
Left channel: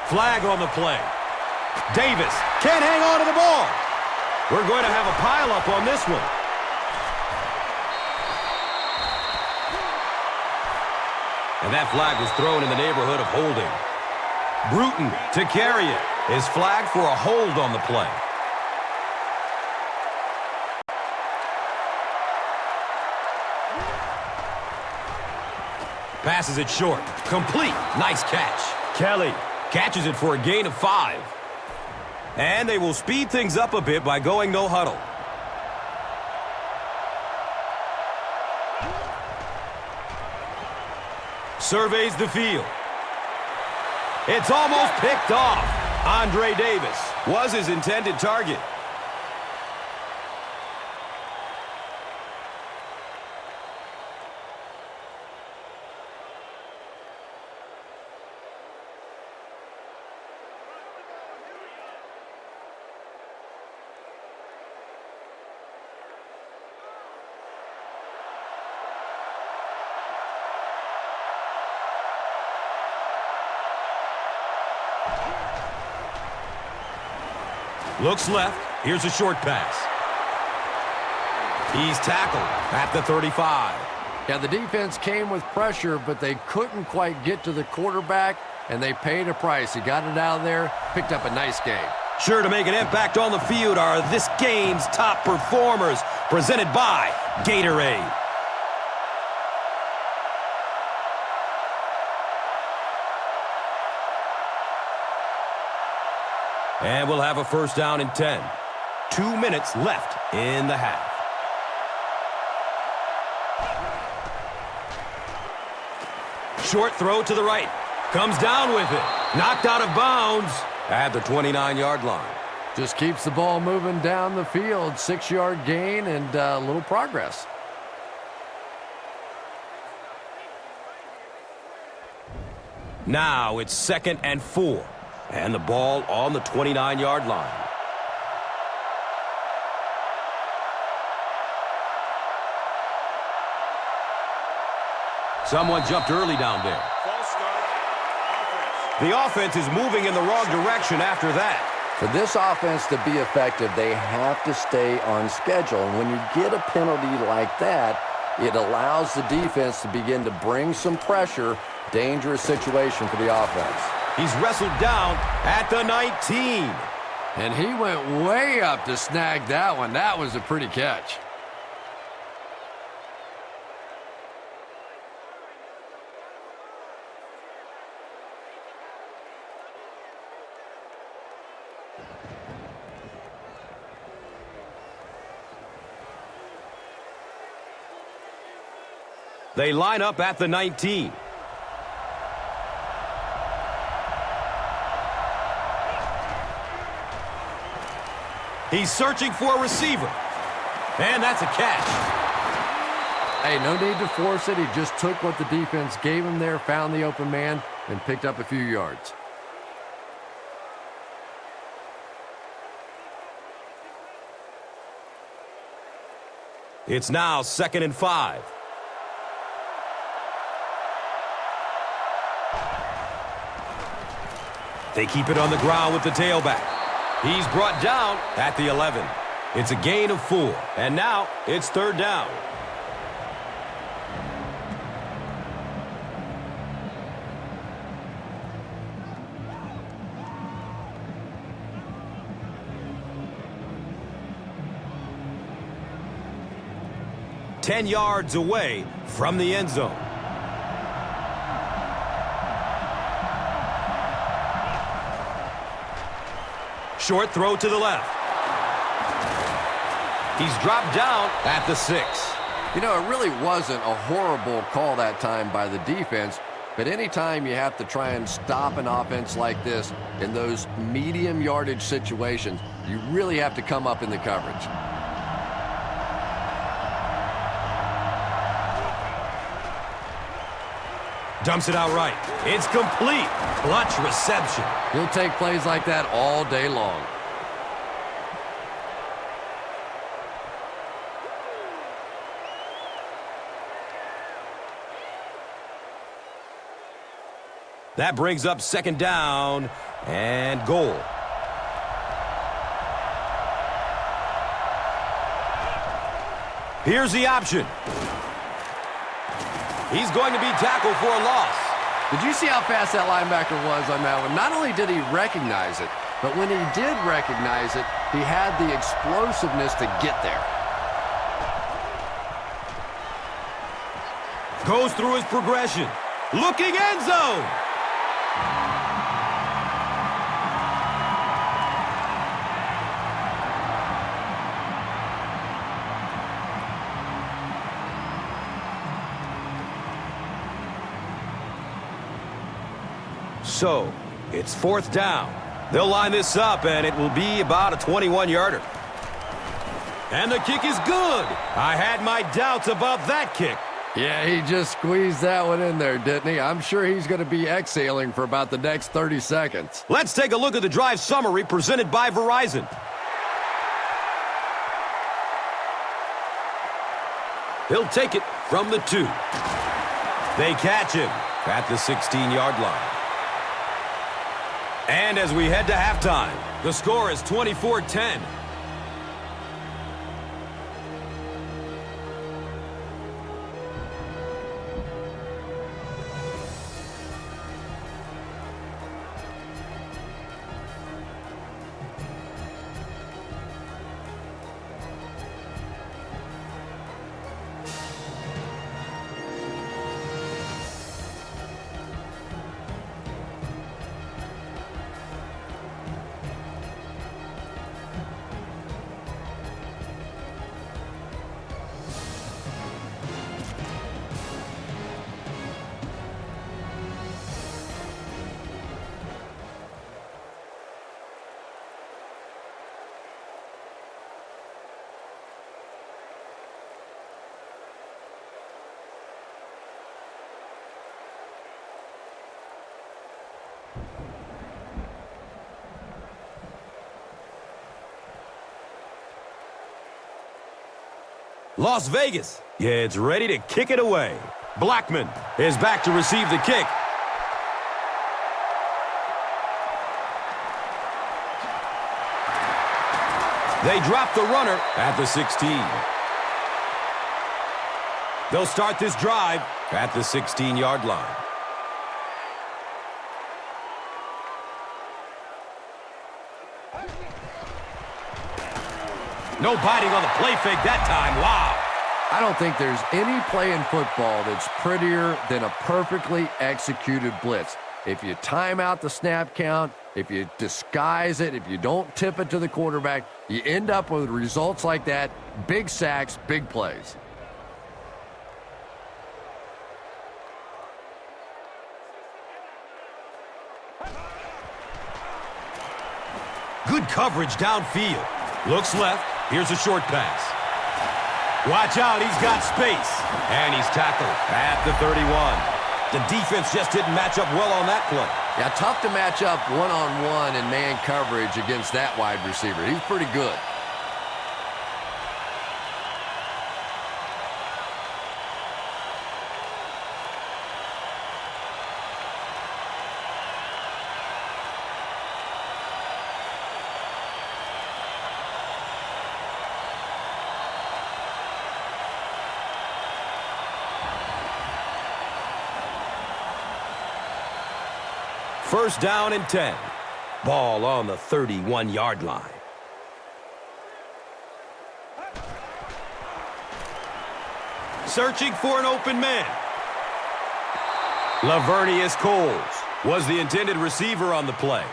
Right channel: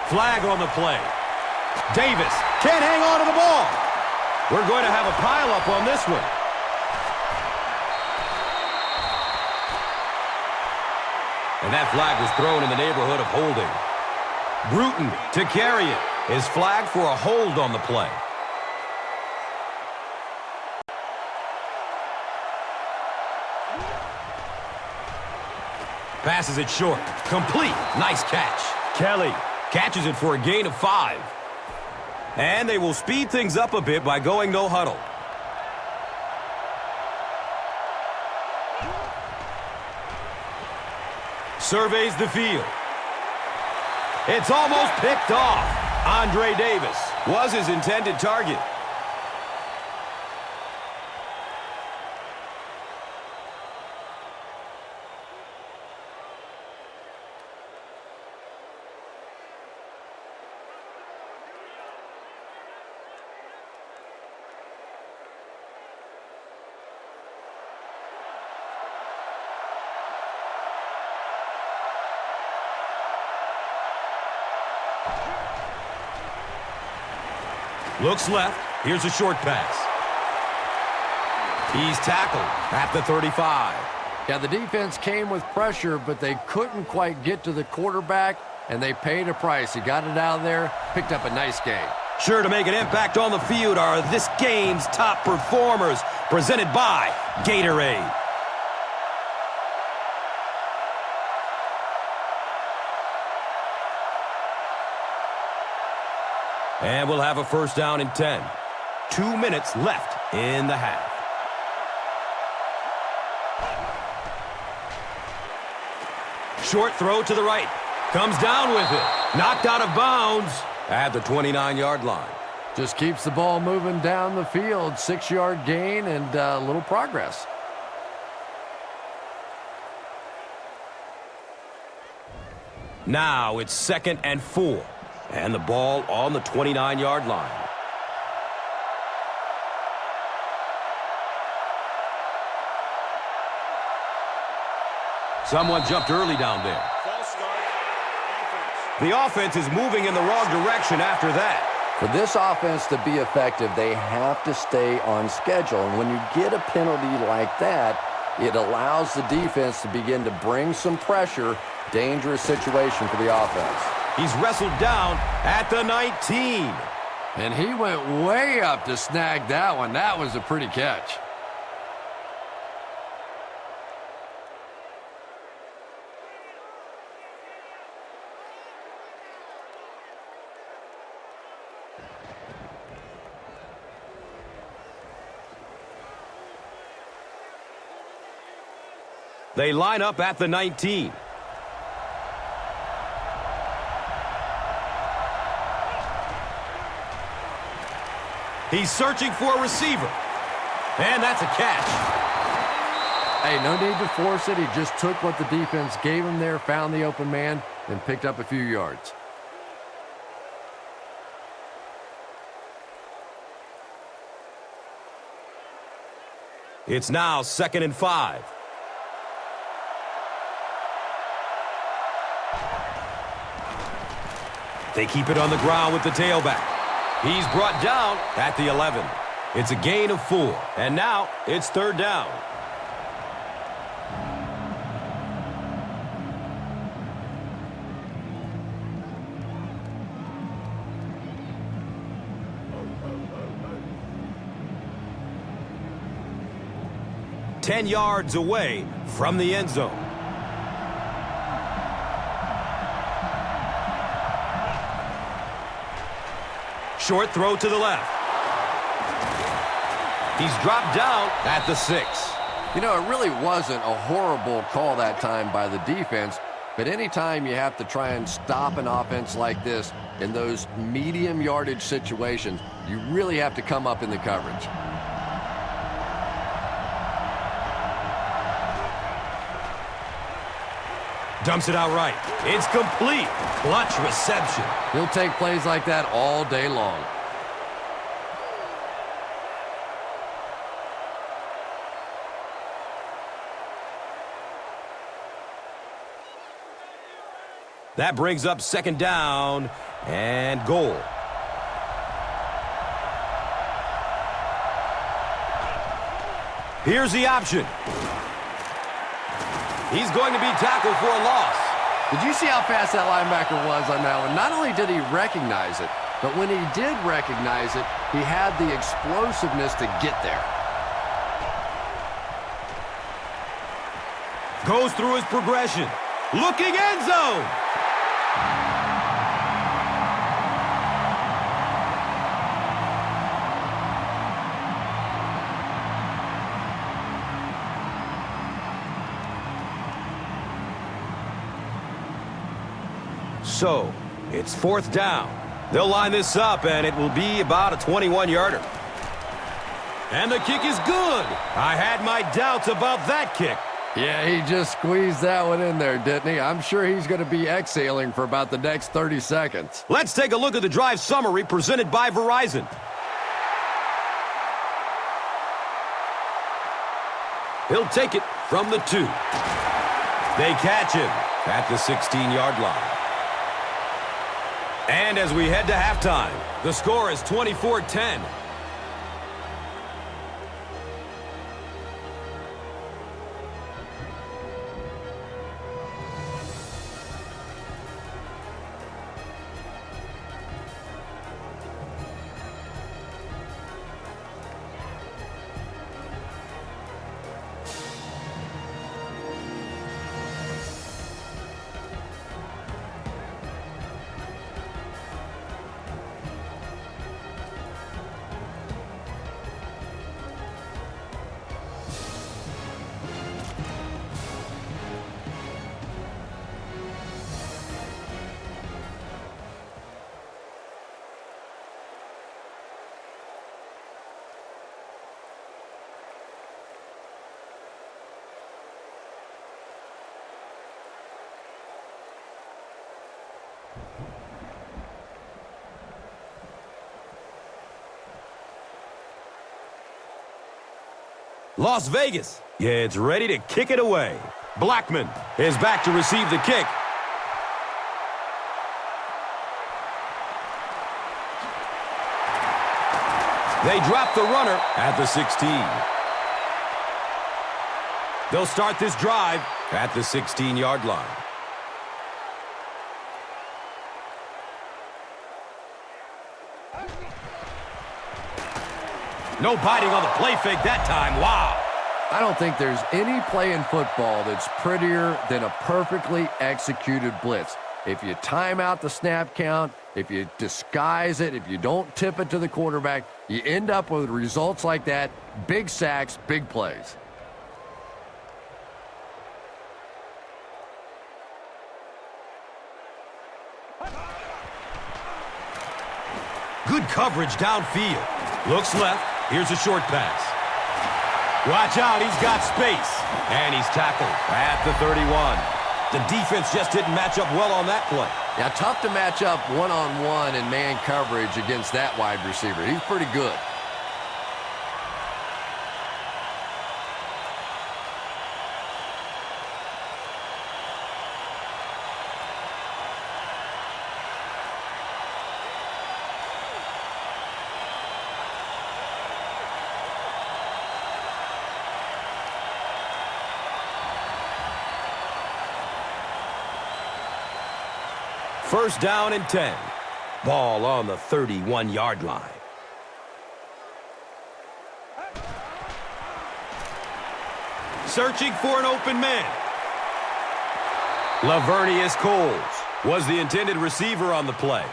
Flag on the play. Davis can't hang on to the ball. We're going to have a pileup on this one. And that flag was thrown in the neighborhood of holding. Bruton to carry it is flagged for a hold on the play. Passes it short. Complete. Nice catch. Kelly catches it for a gain of 5. And they will speed things up a bit by going no huddle. Surveys the field. It's almost picked off. Andre Davis was his intended target. Looks left. Here's a short pass. He's tackled at the 35. Yeah, the defense came with pressure, but they couldn't quite get to the quarterback, and they paid a price. He got it out of there, picked up a nice game. Sure to make an impact on the field are this game's top performers, presented by Gatorade. And we'll have a 1st down and 10. 2 minutes left in the half. Short throw to the right. Comes down with it. Knocked out of bounds. at the 29-yard line. Just keeps the ball moving down the field. 6-yard gain and a little progress. Now it's 2nd and 4. And the ball on the 29-yard line. Someone jumped early down there. The offense is moving in the wrong direction after that. For this offense to be effective, they have to stay on schedule. And when you get a penalty like that, it allows the defense to begin to bring some pressure. Dangerous situation for the offense. He's wrestled down at the 19. And he went way up to snag that one. That was a pretty catch. They line up at the 19. He's searching for a receiver. And that's a catch. Hey, no need to force it. He just took what the defense gave him there, found the open man, and picked up a few yards. It's now 2nd and 5. They keep it on the ground with the tailback. He's brought down at the 11. It's a gain of 4. And now it's 3rd down. Ten yards away from the end zone. Short throw to the left. He's dropped down at the 6. You know, it really wasn't a horrible call that time by the defense, but anytime you have to try and stop an offense like this in those medium yardage situations, you really have to come up in the coverage. Dumps it out right. It's complete. Clutch reception. He'll take plays like that all day long. That brings up 2nd down and goal. Here's the option. He's going to be tackled for a loss. Did you see how fast that linebacker was on that one? Not only did he recognize it, but when he did recognize it, he had the explosiveness to get there. Goes through his progression. Looking end zone. So, it's 4th down. They'll line this up, and it will be about a 21-yarder. And the kick is good. I had my doubts about that kick. Yeah, he just squeezed that one in there, didn't he? I'm sure he's going to be exhaling for about the next 30 seconds. Let's take a look at the drive summary presented by Verizon. He'll take it from the 2. They catch him at the 16-yard line. And as we head to halftime, the score is 24-10. Las Vegas, it's ready to kick it away. Blackman is back to receive the kick. They drop the runner at the 16. They'll start this drive at the 16-yard line. No biting on the play fake that time. Wow. I don't think there's any play in football that's prettier than a perfectly executed blitz. If you time out the snap count, if you disguise it, if you don't tip it to the quarterback, you end up with results like that. Big sacks, big plays. Good coverage downfield. Looks left. Here's a short pass. Watch out, he's got space. And he's tackled at the 31. The defense just didn't match up well on that play. Yeah, tough to match up one-on-one in man coverage against that wide receiver. He's pretty good. First down and 10. Ball on the 31-yard line. Searching for an open man. Lavernius Coles was the intended receiver on the play.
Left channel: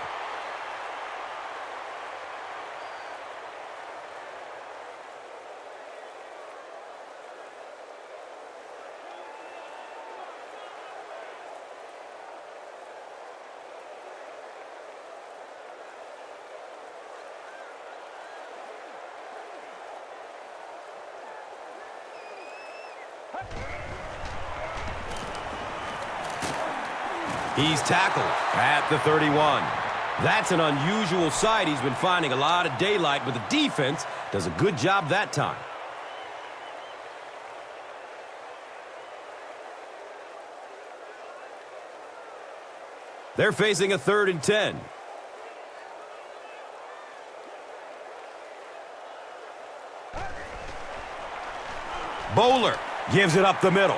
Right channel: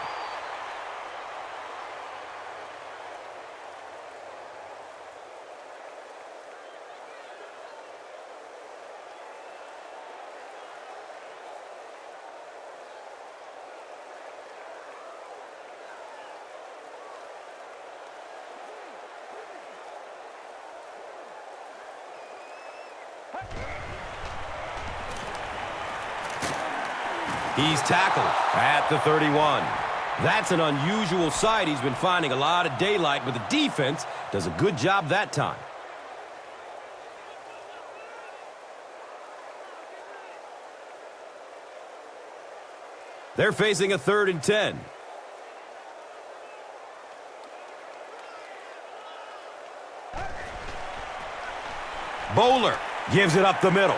He's tackled at the 31. That's an unusual sight. He's been finding a lot of daylight, but the defense does a good job that time. They're facing a 3rd and 10. Bowler gives it up the middle.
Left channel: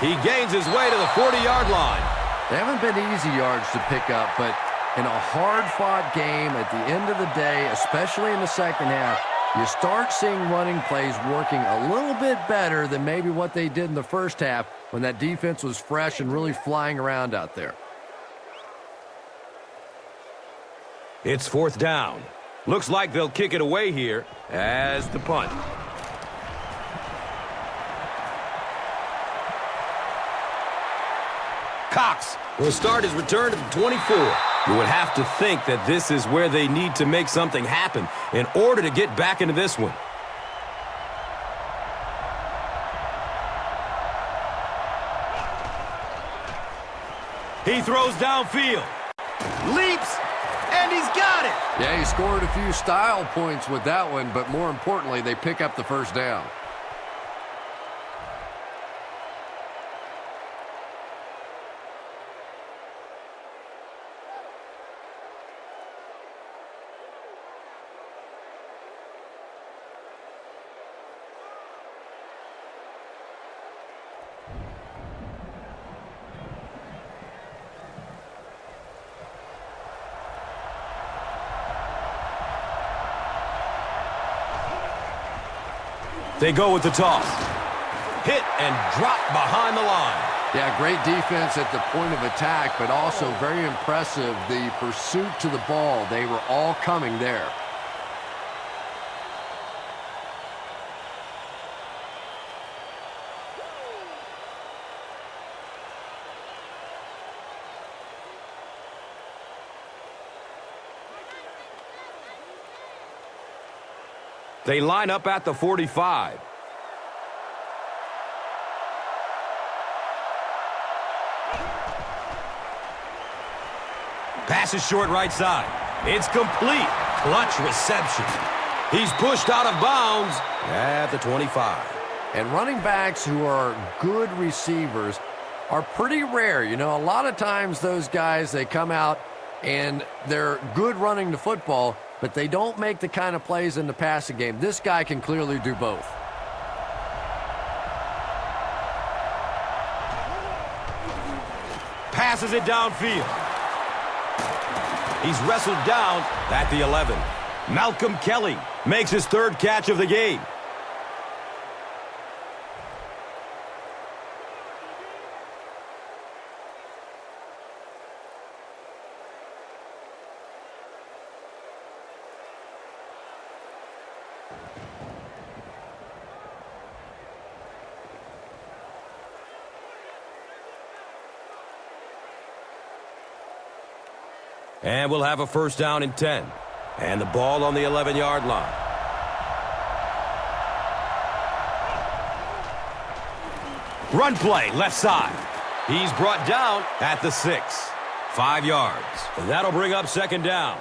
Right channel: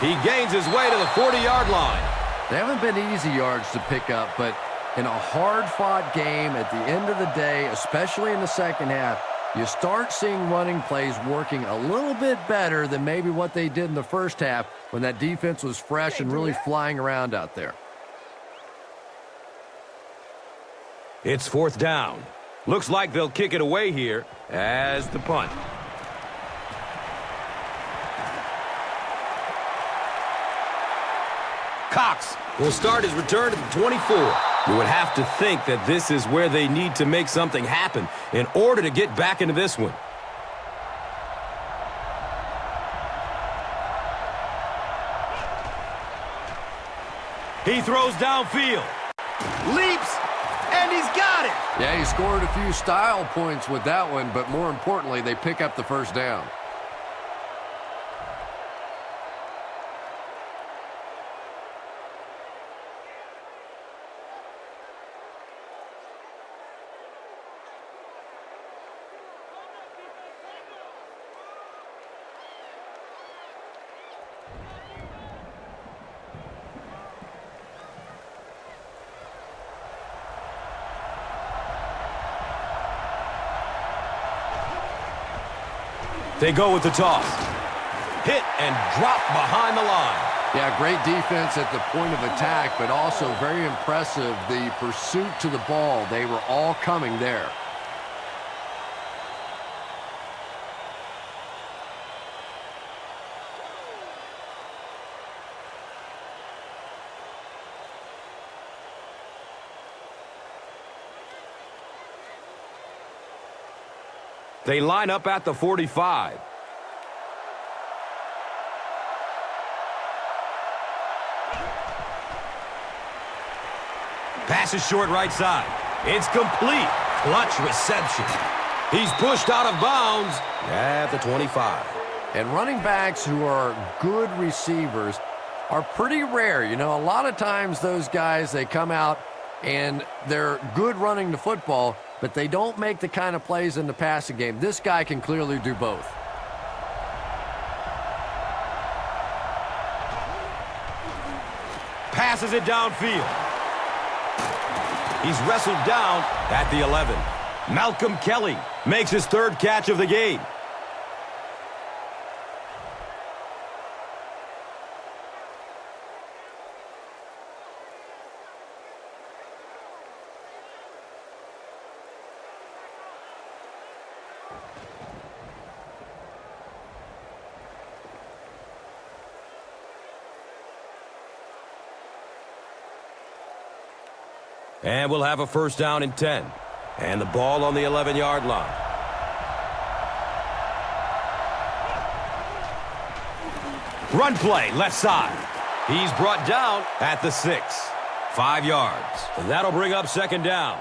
He gains his way to the 40-yard line. They haven't been easy yards to pick up, but in a hard-fought game at the end of the day, especially in the second half, you start seeing running plays working a little bit better than maybe what they did in the first half when that defense was fresh and really flying around out there. It's 4th down. Looks like they'll kick it away here as the punt. Cox will start his return to the 24. You would have to think that this is where they need to make something happen in order to get back into this one. He throws downfield. Leaps, and he's got it. Yeah, he scored a few style points with that one, but more importantly, they pick up the first down. They go with the toss. Hit and drop behind the line. Yeah, great defense at the point of attack, but also very impressive, the pursuit to the ball. They were all coming there. They line up at the 45. Pass is short right side. It's complete. Clutch reception. He's pushed out of bounds at the 25. And running backs who are good receivers are pretty rare. You know, a lot of times those guys, they come out and they're good running the football, but they don't make the kind of plays in the passing game. This guy can clearly do both. Passes it downfield. He's wrestled down at the 11. Malcolm Kelly makes his third catch of the game. And we'll have a first down and 10. And the ball on the 11-yard line. Run play, left side. He's brought down at the 6. 5 yards. That'll bring up second down.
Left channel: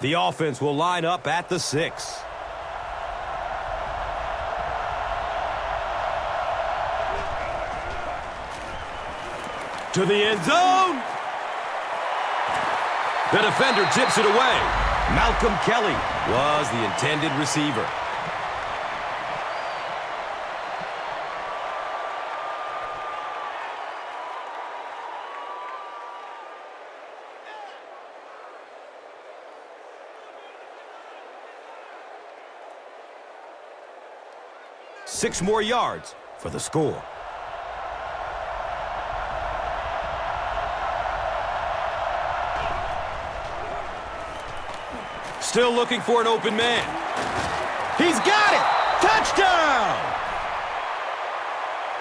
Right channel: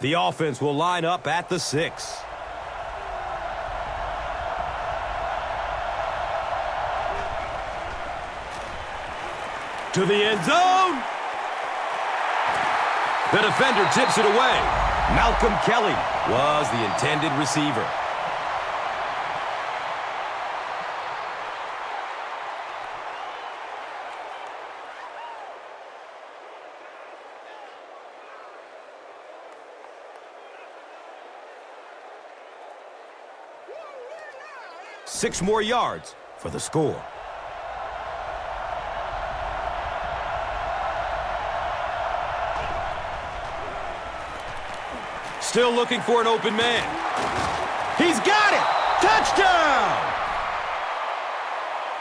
The offense will line up at the 6. To the end zone. The defender tips it away. Malcolm Kelly was the intended receiver. Six more yards for the score. Still looking for an open man. He's got it! Touchdown!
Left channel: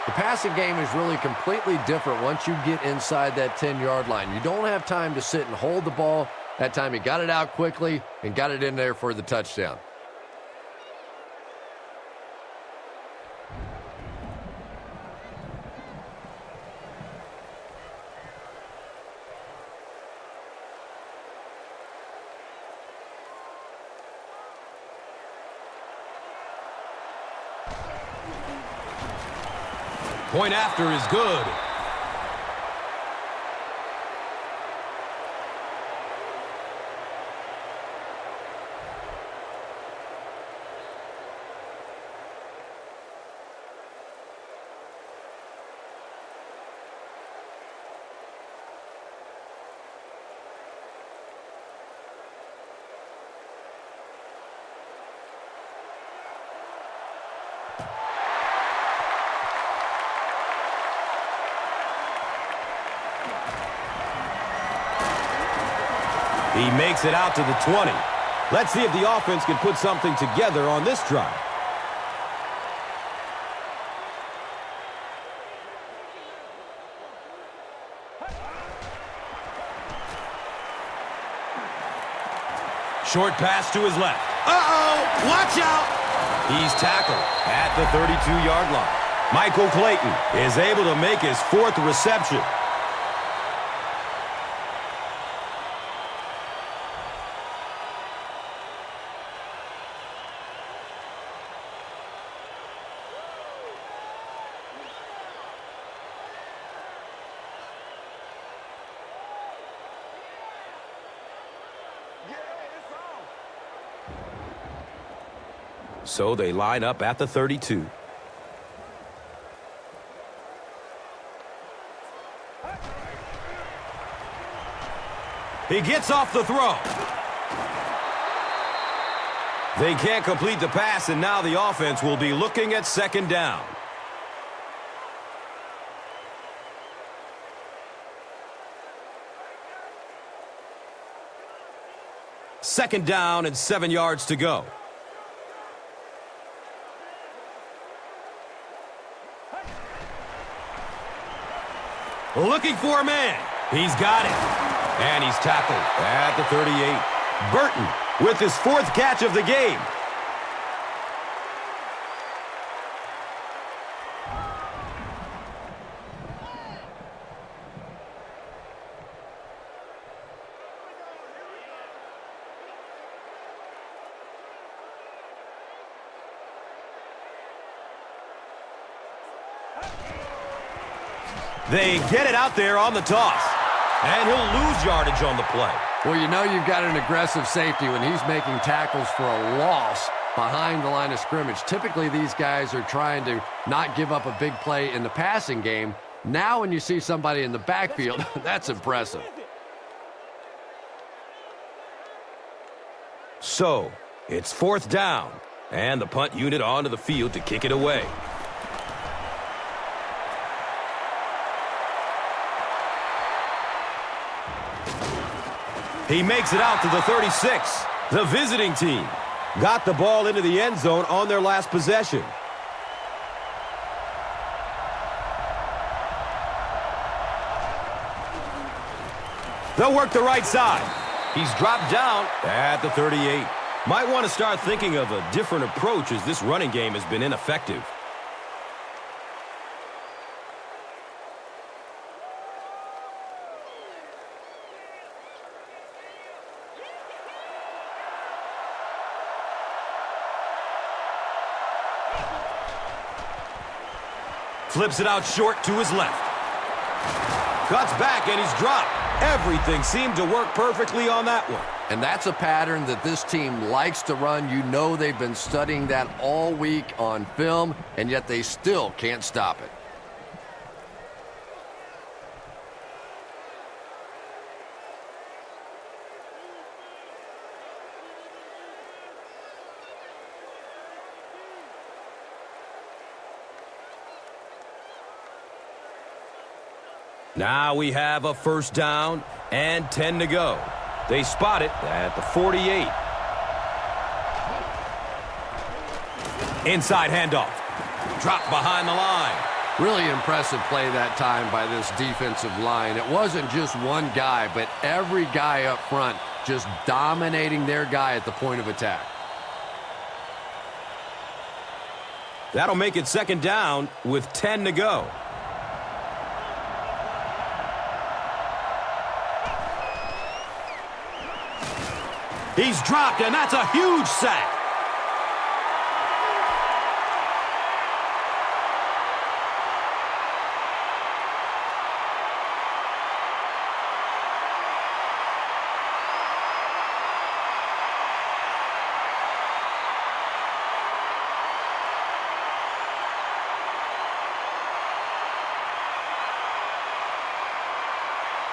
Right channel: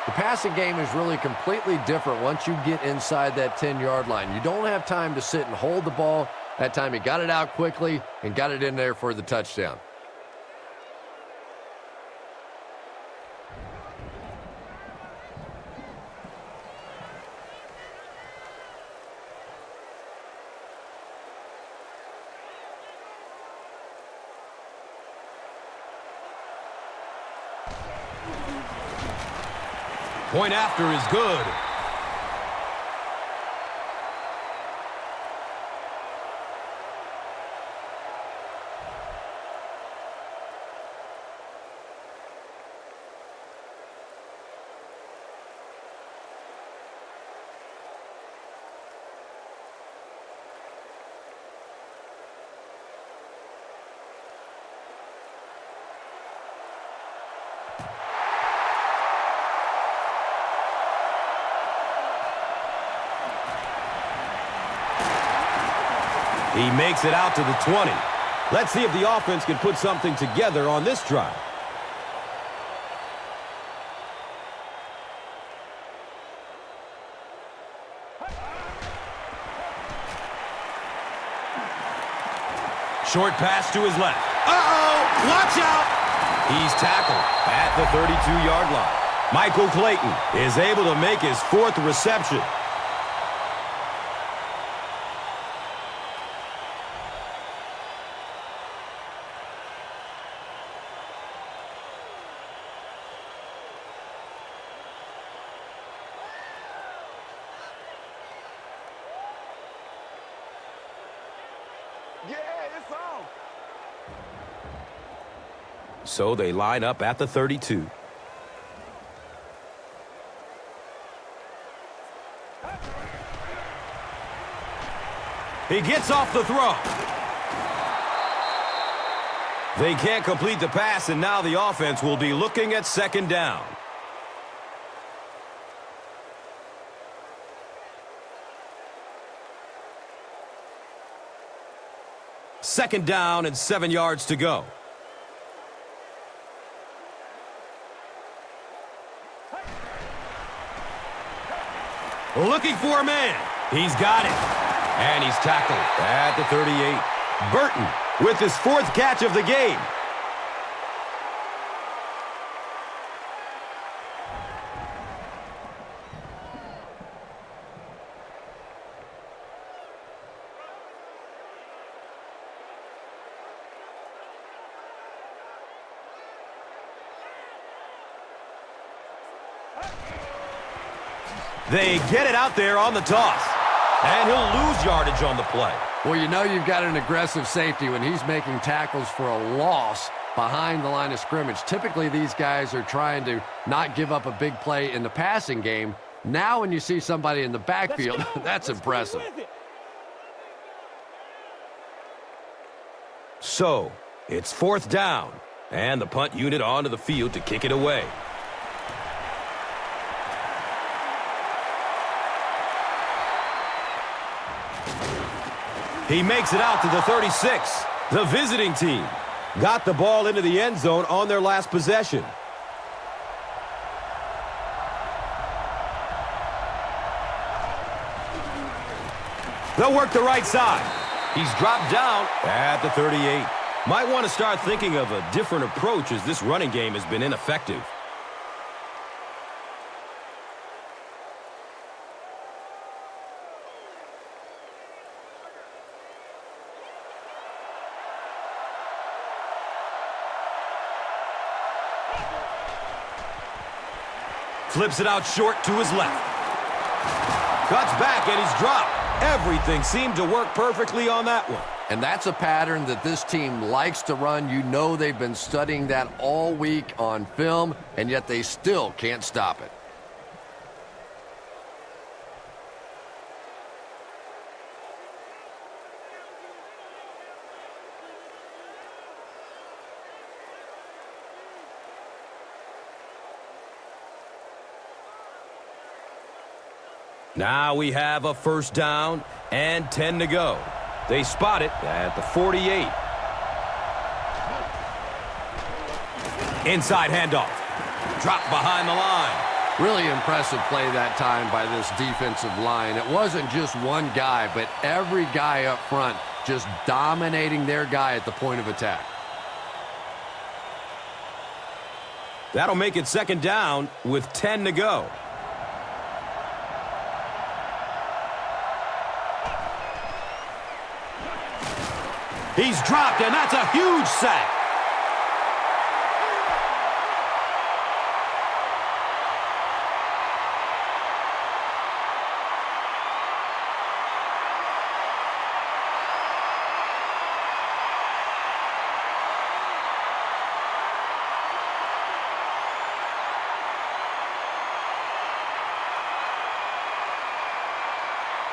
The passing game is really completely different once you get inside that 10-yard line. You don't have time to sit and hold the ball. That time he got it out quickly and got it in there for the touchdown. Point after is good. He makes it out to the 20. Let's see if the offense can put something together on this drive. Short pass to his left. Uh-oh! Watch out! He's tackled at the 32-yard line. Michael Clayton is able to make his fourth reception. So they line up at the 32. He gets off the throw. They can't complete the pass, and now the offense will be looking at second down. Second down and 7 yards to go. Looking for a man. He's got it. And he's tackled at the 38. Barton with his fourth catch of the game. They get it out there on the toss. And he'll lose yardage on the play. Well, you know you've got an aggressive safety when he's making tackles for a loss behind the line of scrimmage. Typically, these guys are trying to not give up a big play in the passing game. Now when you see somebody in the backfield, that's impressive. So, it's 4th down, and the punt unit onto the field to kick it away. He makes it out to the 36. The visiting team got the ball into the end zone on their last possession. They'll work the right side. He's dropped down at the 38. Might want to start thinking of a different approach as this running game has been ineffective. Flips it out short to his left. Cuts back and he's dropped. Everything seemed to work perfectly on that one. And that's a pattern that this team likes to run. You know they've been studying that all week on film, and yet they still can't stop it. Now we have a 1st down and 10 to go. They spot it at the 48. Inside handoff. Drop behind the line. Really impressive play that time by this defensive line. It wasn't just one guy, but every guy up front just dominating their guy at the point of attack. That'll make it 2nd down with 10 to go. He's dropped, and that's a huge sack.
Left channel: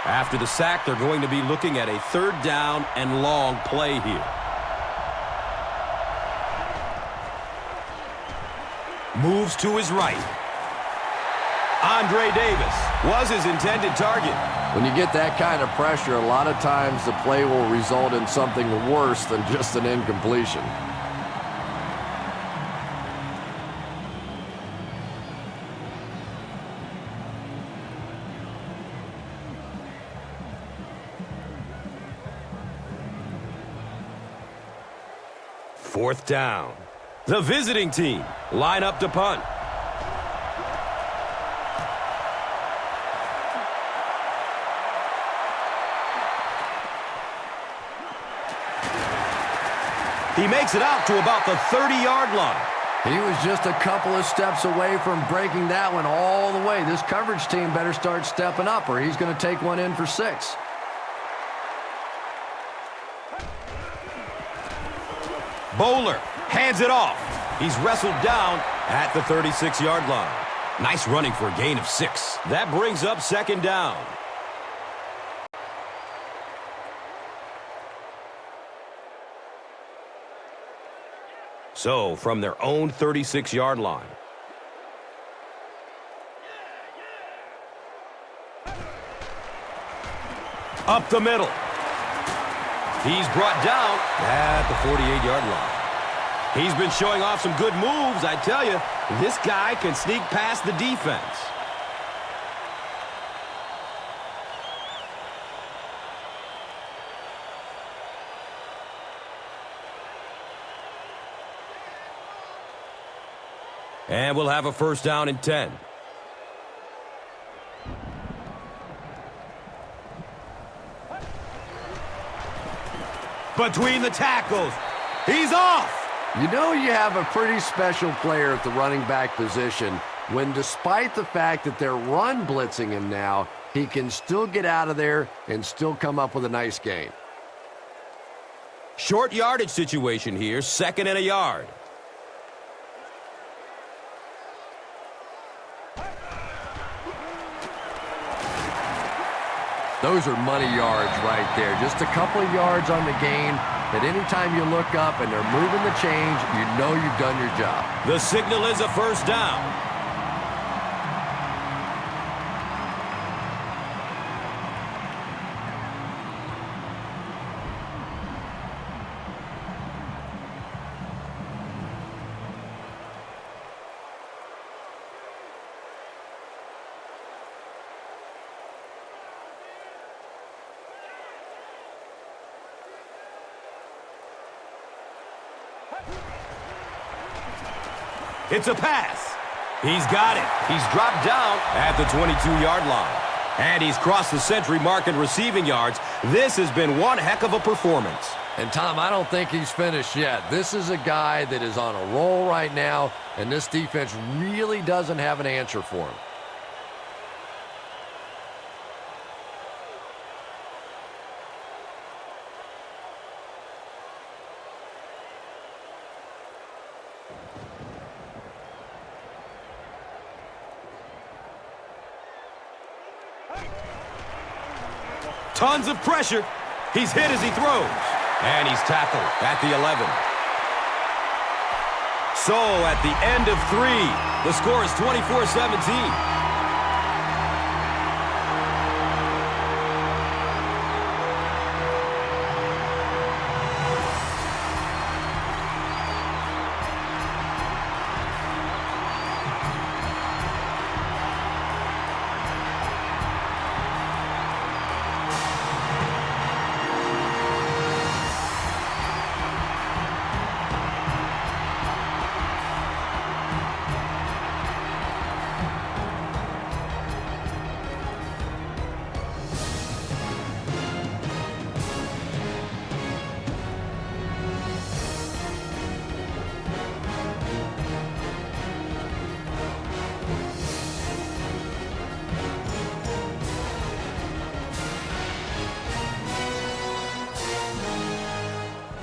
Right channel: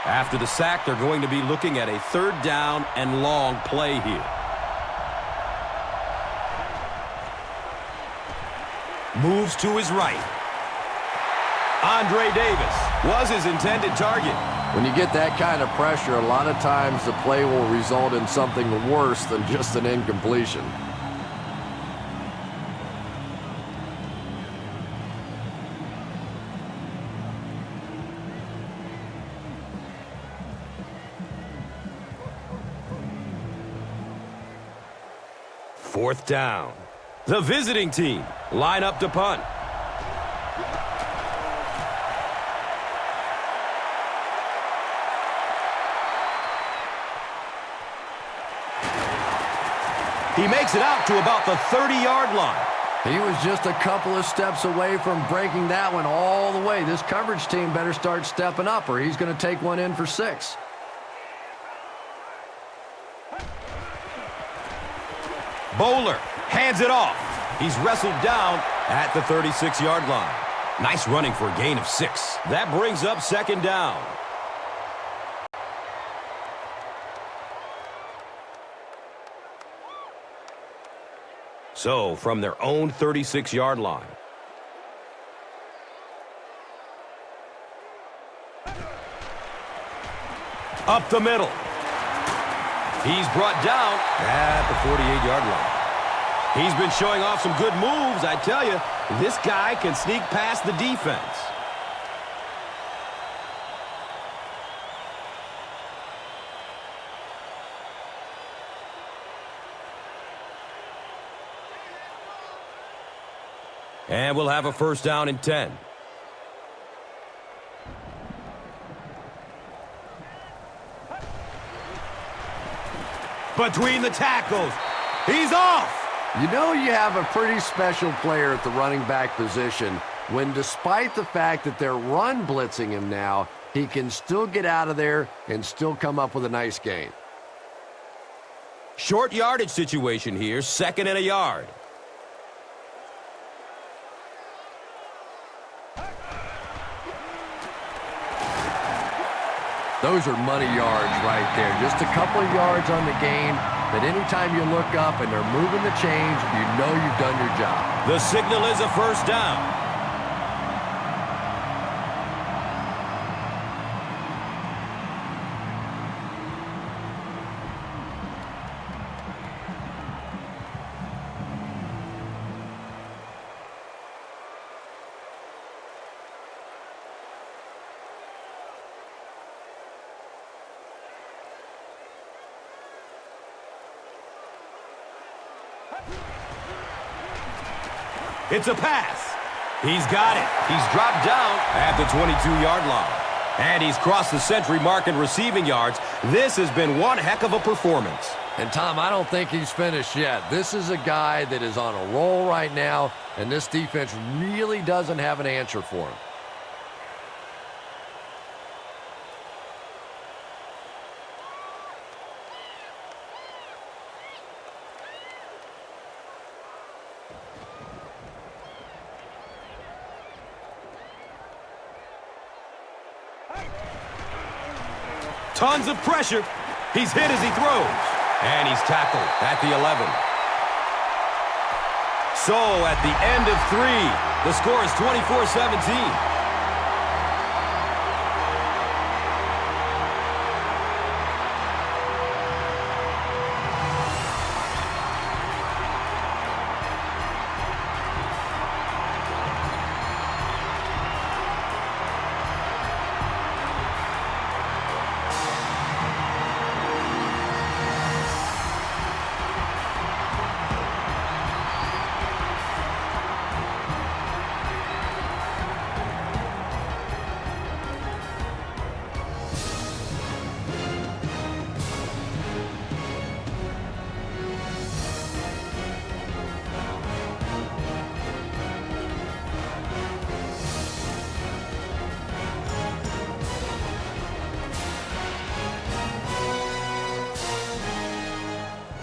After the sack, they're going to be looking at a 3rd down and long play here. Moves to his right. Andre Davis was his intended target. When you get that kind of pressure, a lot of times the play will result in something worse than just an incompletion. Fourth down. The visiting team line up to punt. He makes it out to about the 30-yard line. He was just a couple of steps away from breaking that one all the way. This coverage team better start stepping up or he's going to take one in for 6. Bowler hands it off. He's wrestled down at the 36-yard line. Nice running for a gain of 6. That brings up 2nd down. So, from their own 36-yard line. Up the middle. He's brought down at the 48-yard line. He's been showing off some good moves, I tell you. This guy can sneak past the defense. And we'll have a 1st down and 10. Between the tackles. He's off. You know you have a pretty special player at the running back position when despite the fact that they're run blitzing him now, he can still get out of there and still come up with a nice gain. Short yardage situation here, 2nd and a yard. Those are money yards right there. Just a couple of yards on the gain. But anytime you look up and they're moving the chains, you know you've done your job. The signal is a first down. It's a pass. He's got it. He's dropped down at the 22-yard line. And he's crossed the century mark in receiving yards. This has been one heck of a performance. And, Tom, I don't think he's finished yet. This is a guy that is on a roll right now, and this defense really doesn't have an answer for him. Tons of pressure. He's hit as he throws. And he's tackled at the 11. So at the end of 3, the score is 24-17.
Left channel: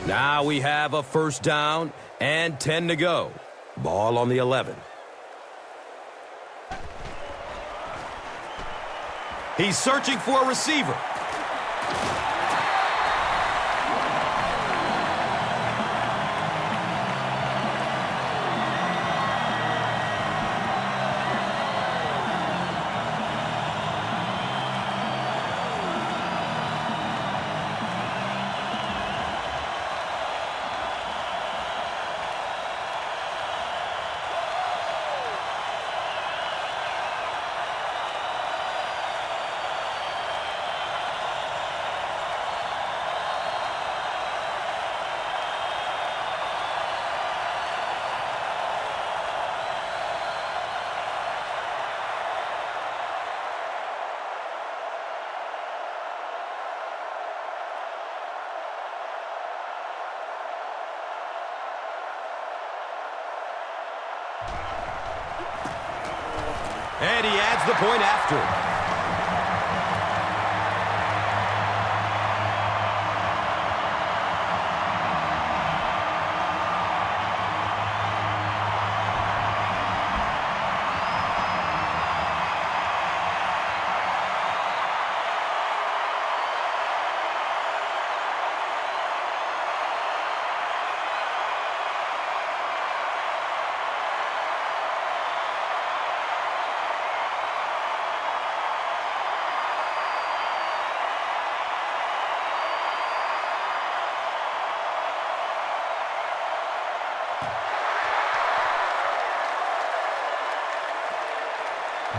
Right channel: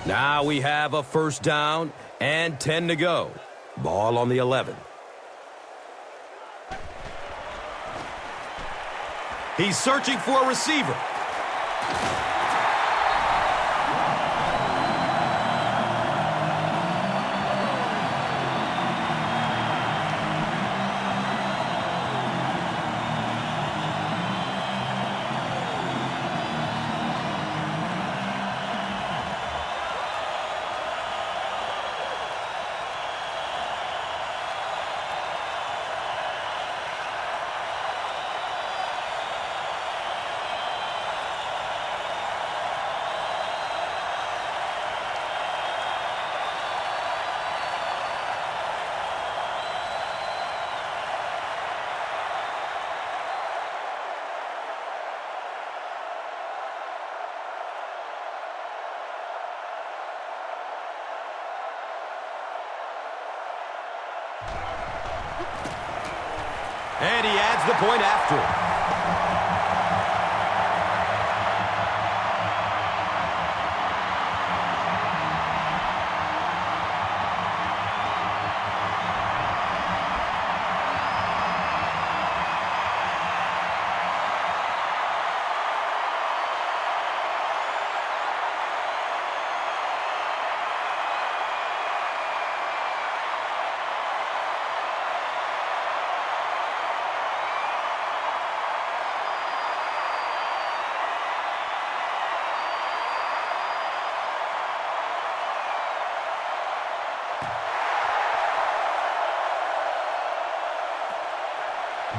Now we have a first down and 10 to go. Ball on the 11. He's searching for a receiver. And he adds the point after.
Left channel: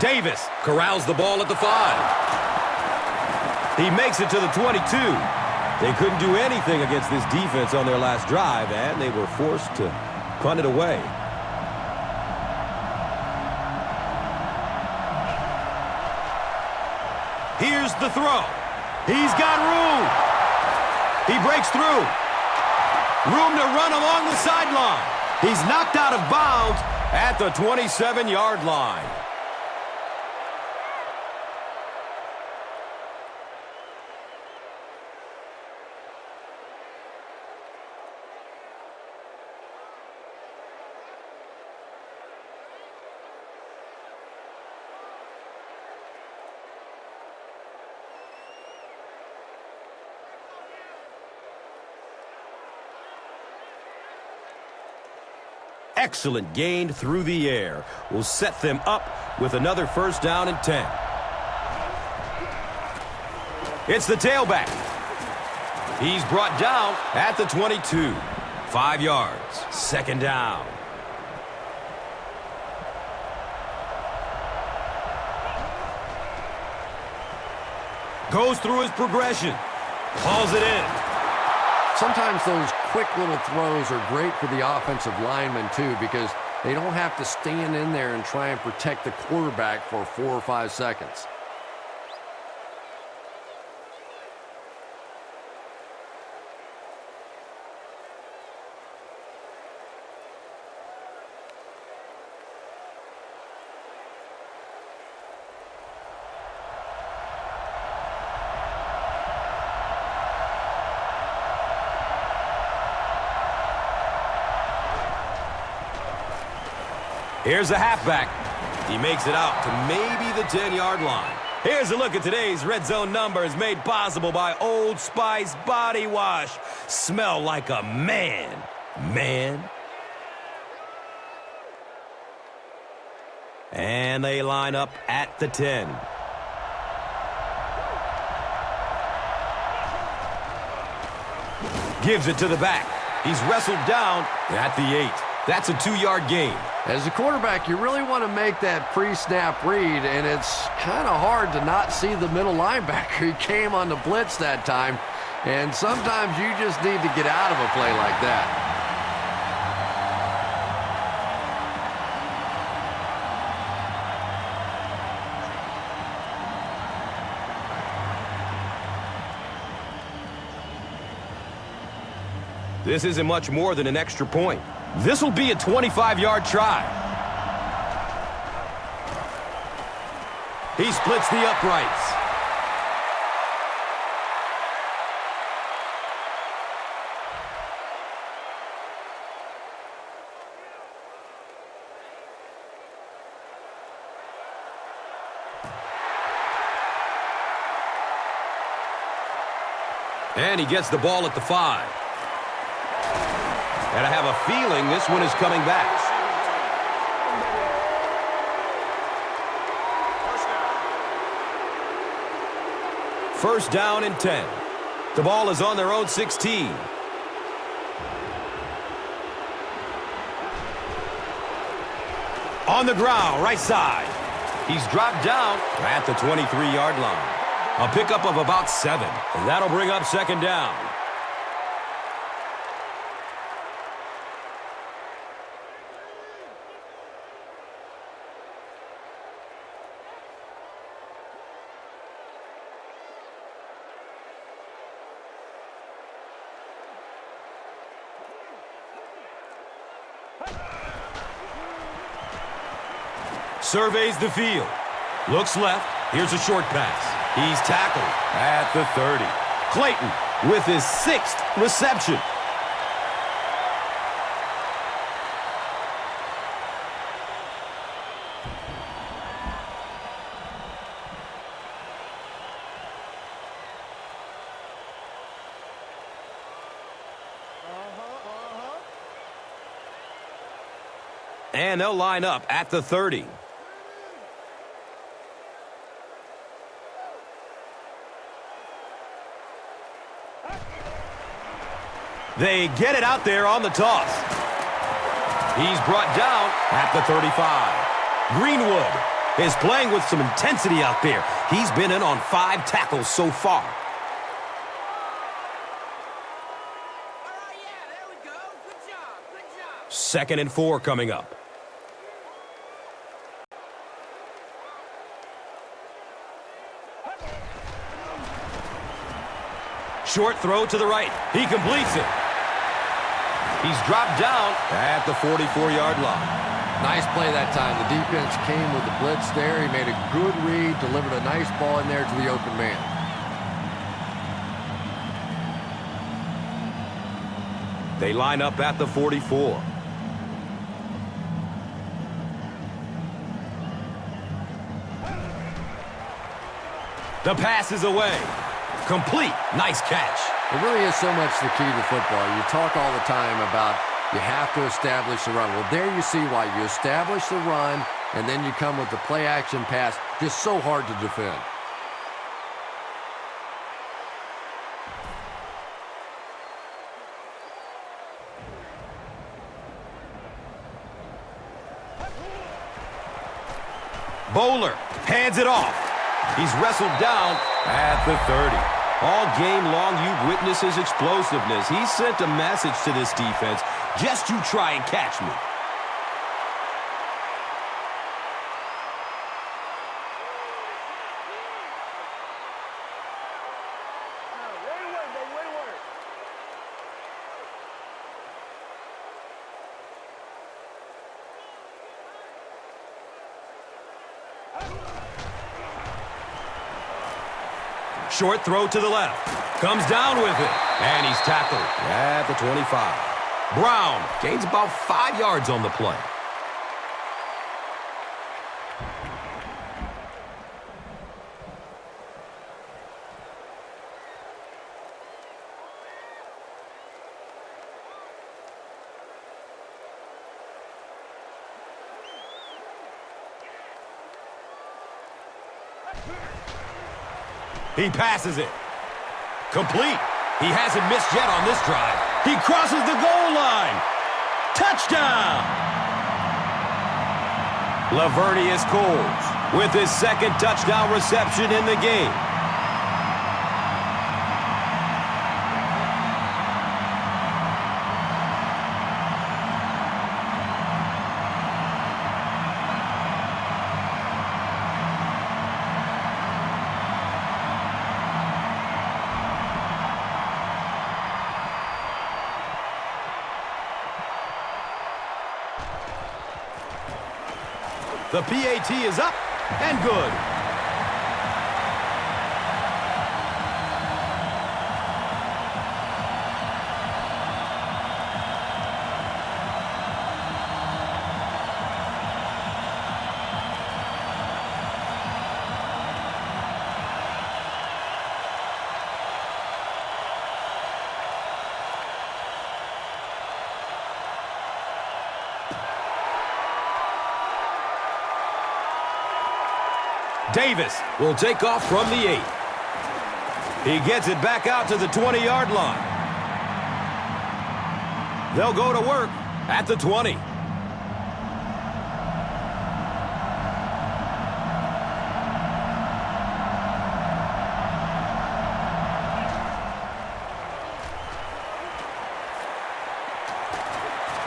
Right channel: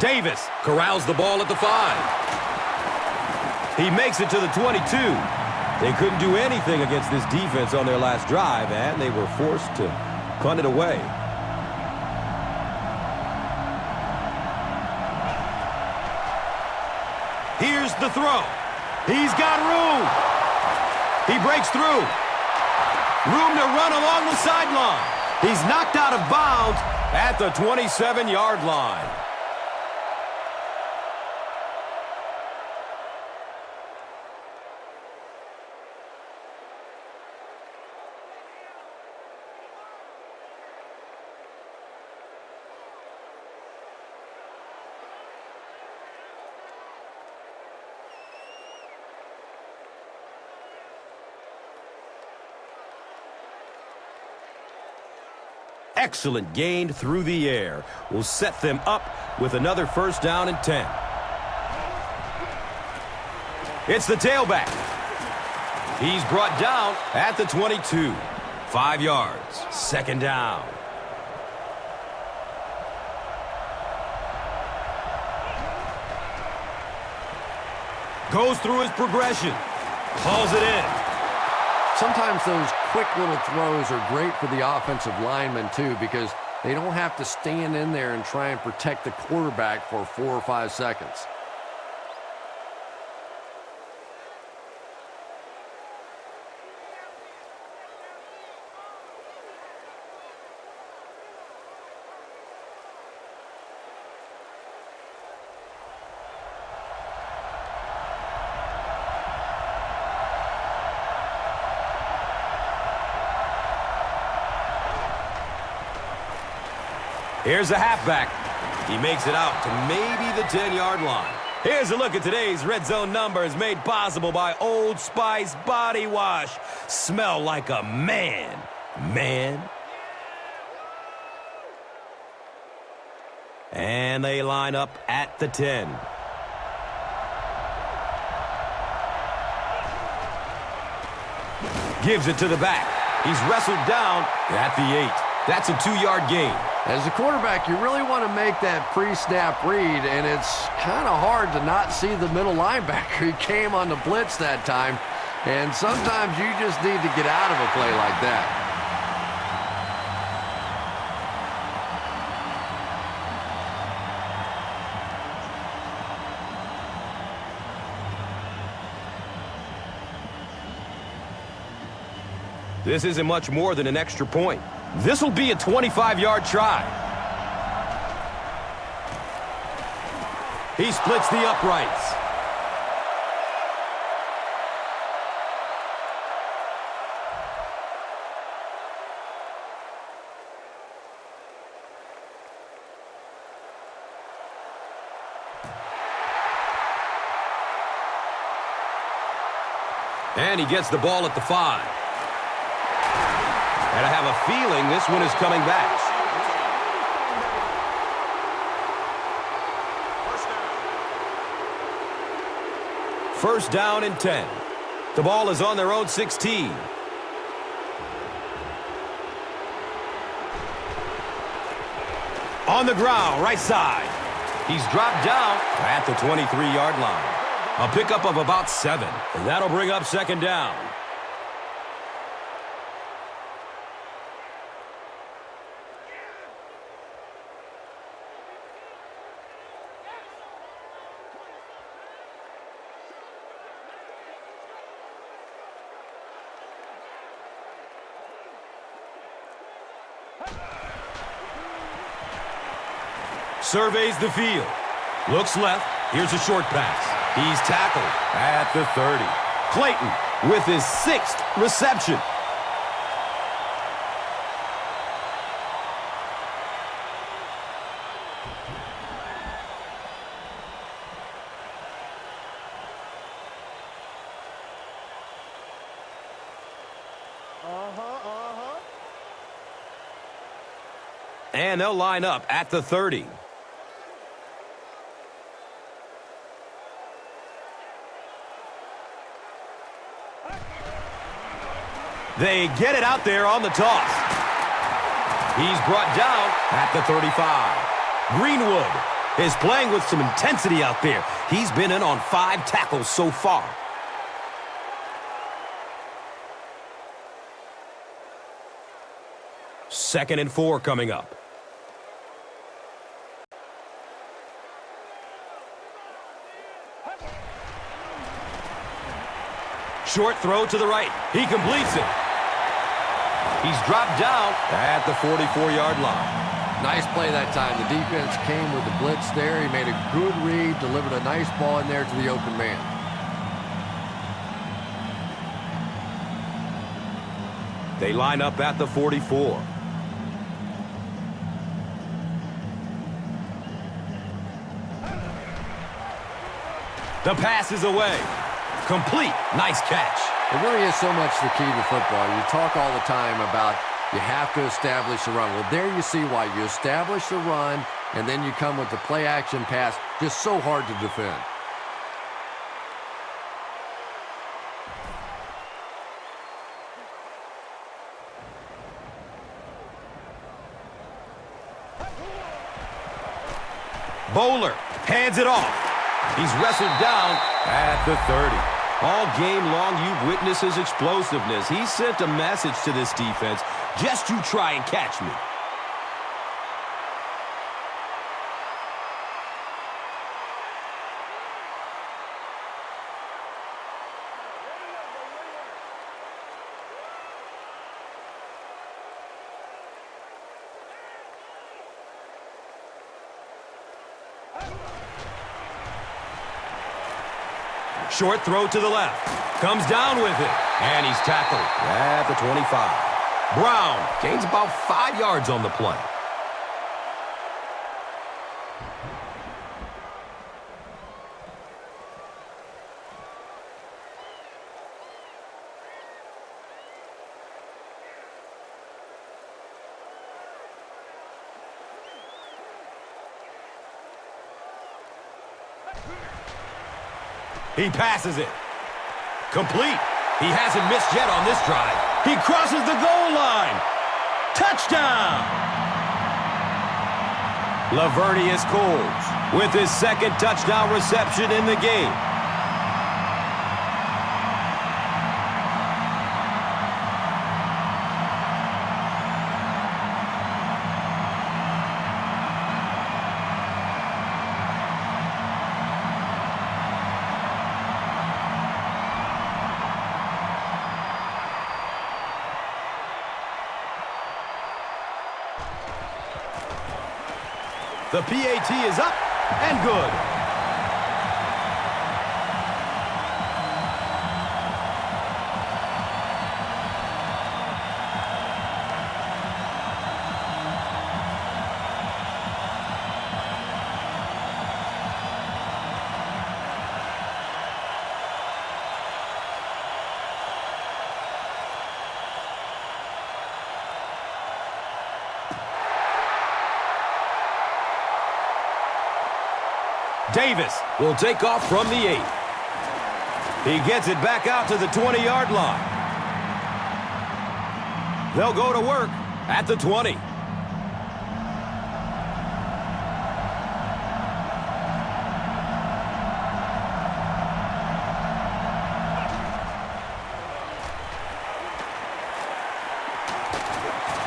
Davis corrals the ball at the 5. He makes it to the 22. They couldn't do anything against this defense on their last drive, and they were forced to punt it away. Here's the throw. He's got room. He breaks through. Room to run along the sideline. He's knocked out of bounds, at the 27-yard line. Excellent gain through the air will set them up with another first down and 10. It's the tailback. He's brought down at the 22. 5 yards. Second down. Goes through his progression. Hauls it in. Sometimes those quick little throws are great for the offensive linemen, too, because they don't have to stand in there and try and protect the quarterback for 4 or 5 seconds. Here's the halfback. He makes it out to maybe the 10-yard line. Here's a look at today's Red Zone numbers made possible by Old Spice Body Wash. Smell like a man. Man. And they line up at the 10. Gives it to the back. He's wrestled down at the 8. That's a 2-yard gain. As a quarterback, you really want to make that pre-snap read, and it's kind of hard to not see the middle linebacker. He came on the blitz that time, and sometimes you just need to get out of a play like that. This isn't much more than an extra point. This will be a 25-yard try. He splits the uprights. And he gets the ball at the 5. And I have a feeling this one is coming back. First down and 10. The ball is on their own 16. On the ground, right side. He's dropped down at the 23-yard line. A pickup of about 7. And that'll bring up second down. Surveys the field. Looks left. Here's a short pass. He's tackled at the 30. Clayton with his 6th reception. And they'll line up at the 30. They get it out there on the toss. He's brought down at the 35. Greenwood is playing with some intensity out there. He's been in on 5 tackles so far. Second and 4 coming up. Short throw to the right. He completes it. He's dropped down at the 44-yard line. Nice play that time. The defense came with the blitz there. He made a good read, delivered a nice ball in there to the open man. They line up at the 44. The pass is away. Complete. Nice catch. It really is so much the key to football. You talk all the time about you have to establish the run. Well, there you see why. You establish the run, and then you come with the play-action pass. Just so hard to defend. Bowler hands it off. He's wrestled down at the 30. All game long, you've witnessed his explosiveness. He sent a message to this defense. Just you try and catch me. Short throw to the left. Comes down with it. And he's tackled at the 25. Brown gains about 5 yards on the play. He passes it. Complete. He hasn't missed yet on this drive. He crosses the goal line. Touchdown! Lavernius Coles with his second touchdown reception in the game. The PAT is up and good. Davis will take off from the 8. He gets it back out to the 20-yard line. They'll go to work at the 20.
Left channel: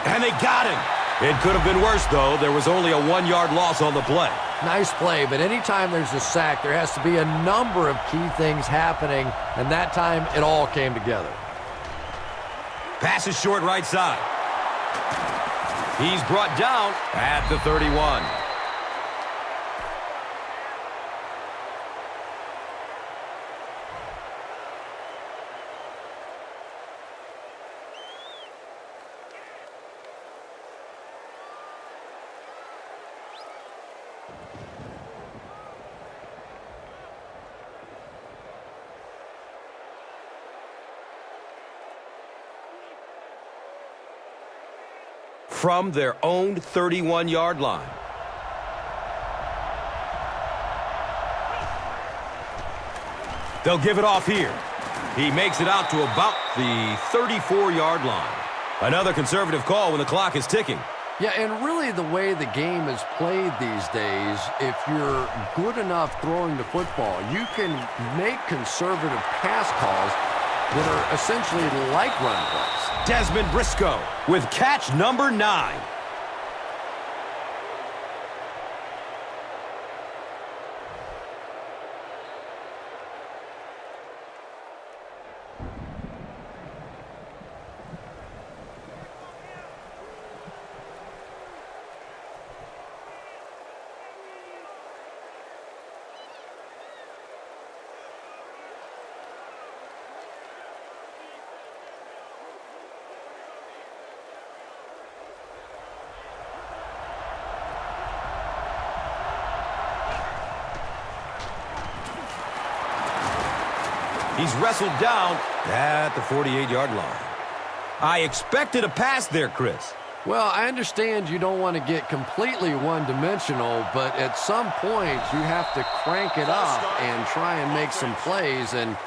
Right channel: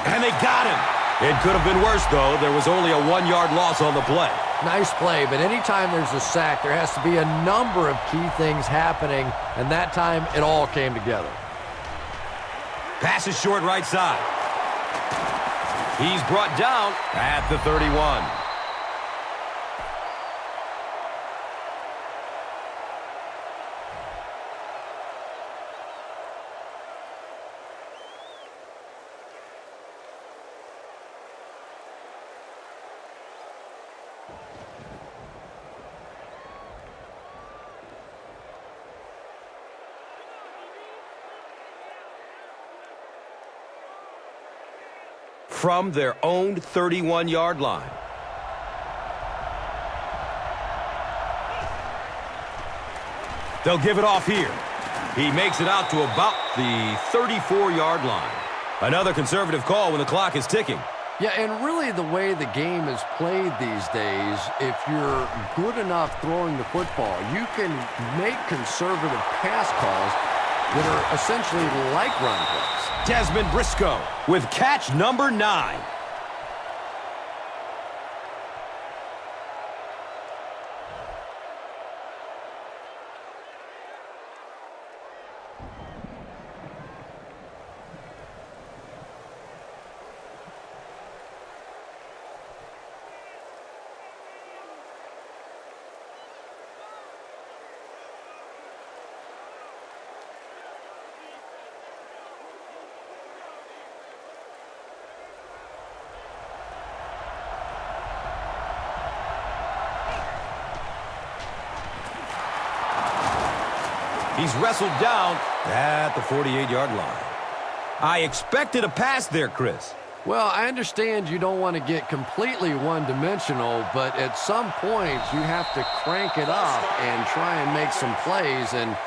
And they got him. It could have been worse, though. There was only a 1-yard loss on the play. Nice play, but anytime there's a sack, there has to be a number of key things happening, and that time it all came together. Pass is short right side. He's brought down at the 31. From their own 31-yard line. They'll give it off here. He makes it out to about the 34-yard line. Another conservative call when the clock is ticking. Yeah, and really the way the game is played these days, if you're good enough throwing the football, you can make conservative pass calls that are essentially like run plays. Dezmon Briscoe with catch number 9. He's wrestled down at the 48-yard line. I expected a pass there, Chris. Well, I understand you don't want to get completely one-dimensional, but at some point you have to crank it up and try and make some plays, and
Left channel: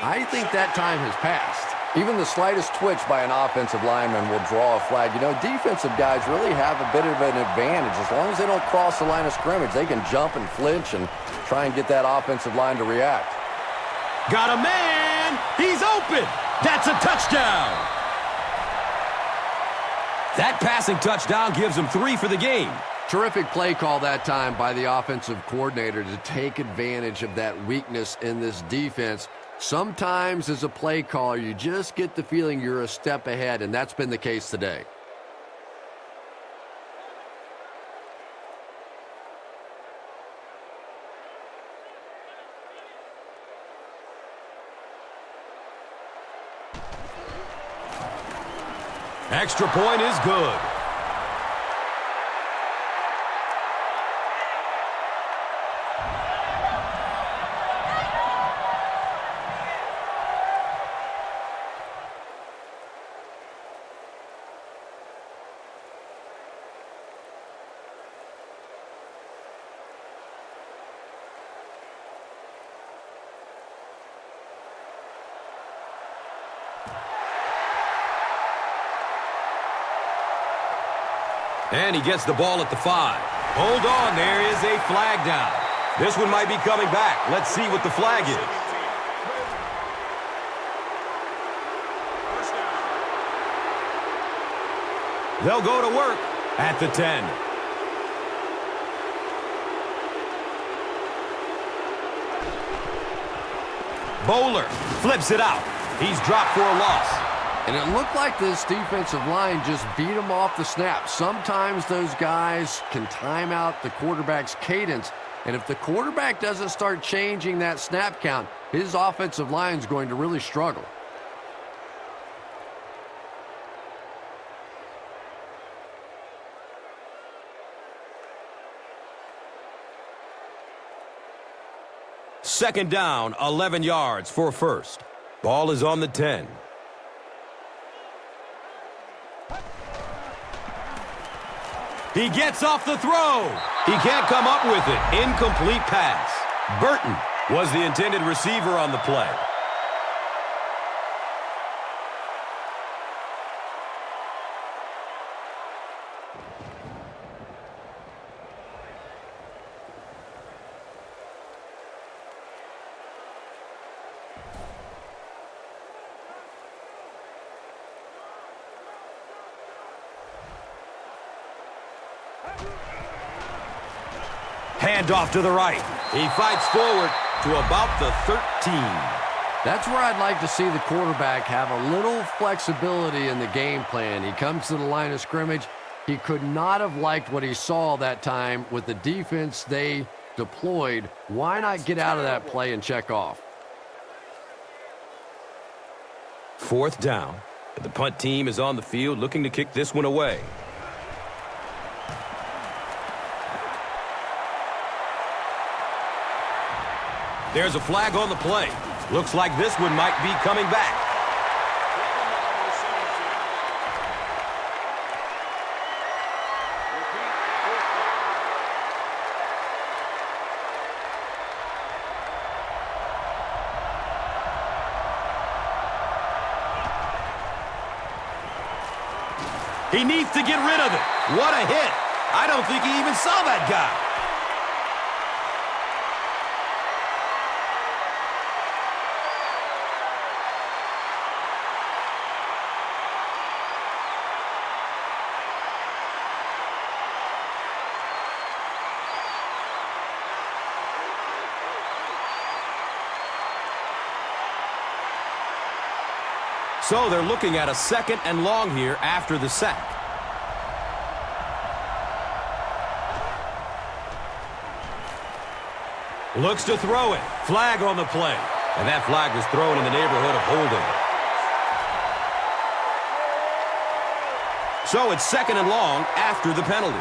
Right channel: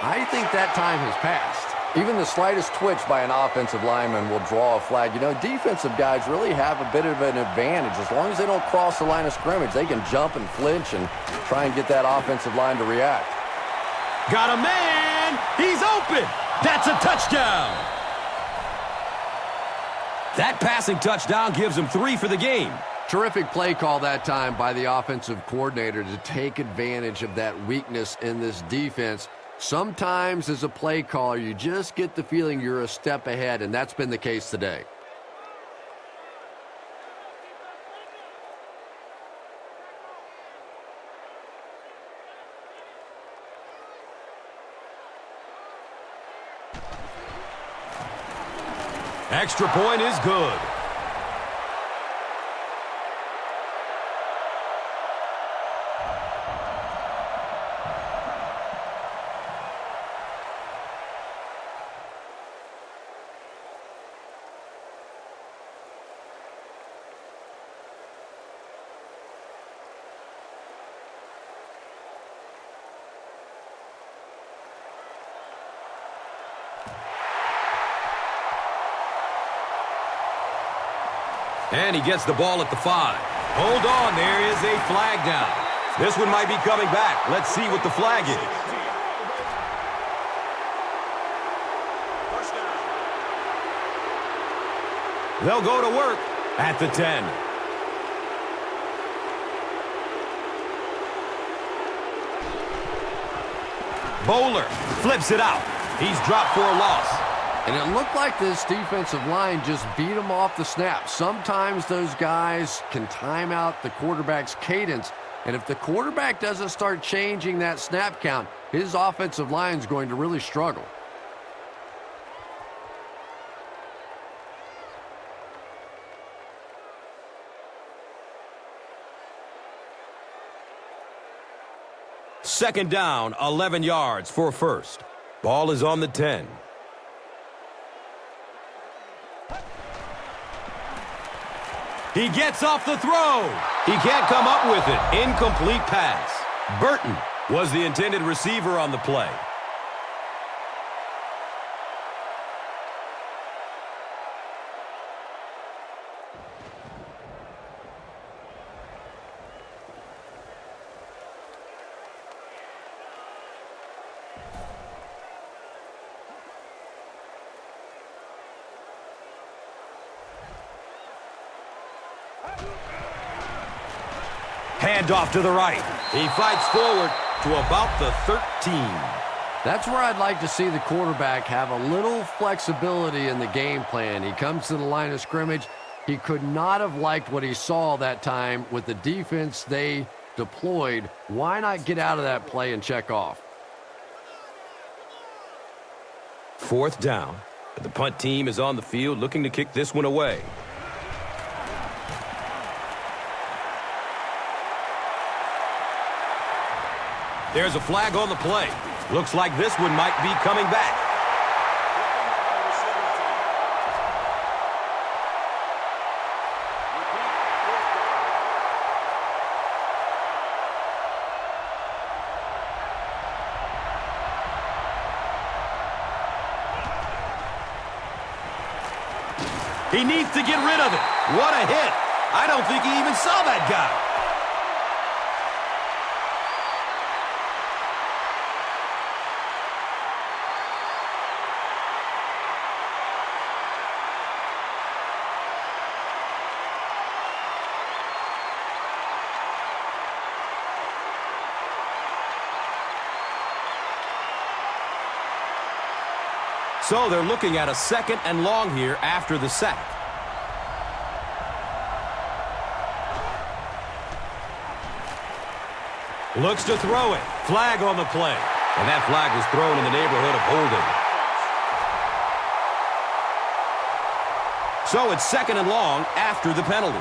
I think that time has passed. Even the slightest twitch by an offensive lineman will draw a flag. You know, defensive guys really have a bit of an advantage. As long as they don't cross the line of scrimmage, they can jump and flinch and try and get that offensive line to react. Got a man! He's open! That's a touchdown! That passing touchdown gives him 3 for the game. Terrific play call that time by the offensive coordinator to take advantage of that weakness in this defense. Sometimes as a play caller, you just get the feeling you're a step ahead, and that's been the case today. Extra point is good. And he gets the ball at the 5. Hold on, there is a flag down. This one might be coming back. Let's see what the flag is. They'll go to work at the 10. Bowler flips it out. He's dropped for a loss. And it looked like this defensive line just beat him off the snap. Sometimes those guys can time out the quarterback's cadence. And if the quarterback doesn't start changing that snap count, his offensive line is going to really struggle. Second down, 11 yards for first. Ball is on the 10. He gets off the throw. He can't come up with it. Incomplete pass. Barton was the intended receiver on the play. Handoff to the right. He fights forward to about the 13. That's where I'd like to see the quarterback have a little flexibility in the game plan. He comes to the line of scrimmage. He could not have liked what he saw that time with the defense they deployed. Why not get out of that play and check off? Fourth down. The punt team is on the field looking to kick this one away. There's a flag on the play. Looks like this one might be coming back. He needs to get rid of it. What a hit. I don't think he even saw that guy. So they're looking at a 2nd and long here after the sack. Looks to throw it. Flag on the play. And that flag was thrown in the neighborhood of holding. So it's 2nd and long after the penalty.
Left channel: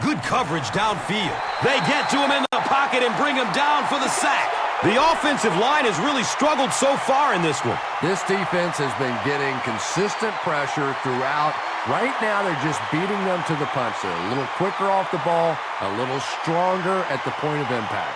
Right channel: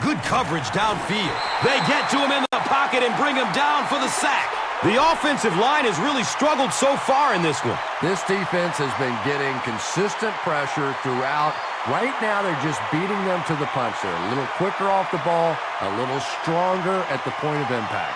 Good coverage downfield. They get to him in the pocket and bring him down for the sack. The offensive line has really struggled so far in this one. This defense has been getting consistent pressure throughout. Right now, they're just beating them to the punch. They're a little quicker off the ball, a little stronger at the point of impact.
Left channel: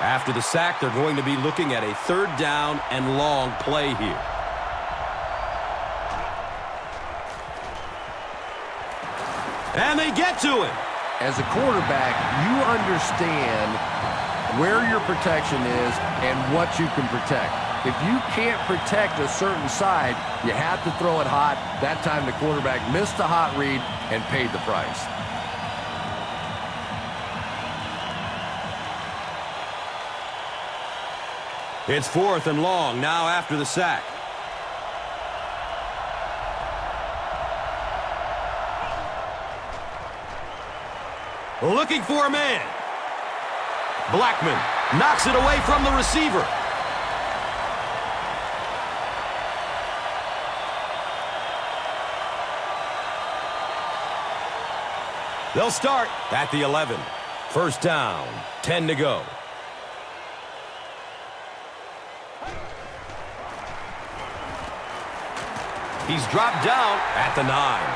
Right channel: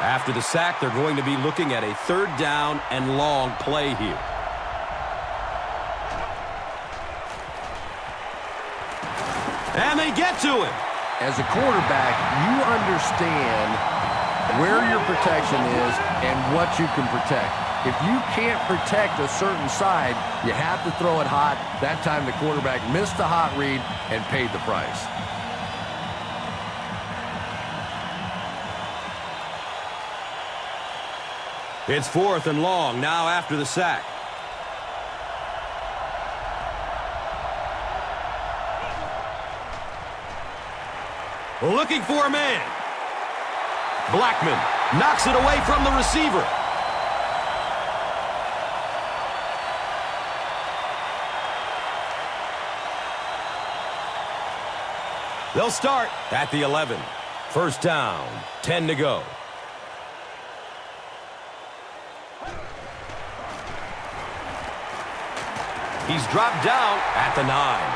After the sack, they're going to be looking at a 3rd down and long play here. And they get to him. As a quarterback, you understand where your protection is and what you can protect. If you can't protect a certain side, you have to throw it hot. That time the quarterback missed the hot read and paid the price. It's 4th and long now after the sack. Looking for a man. Blackman knocks it away from the receiver. They'll start at the 11. 1st down, 10 to go. He's dropped down at the 9.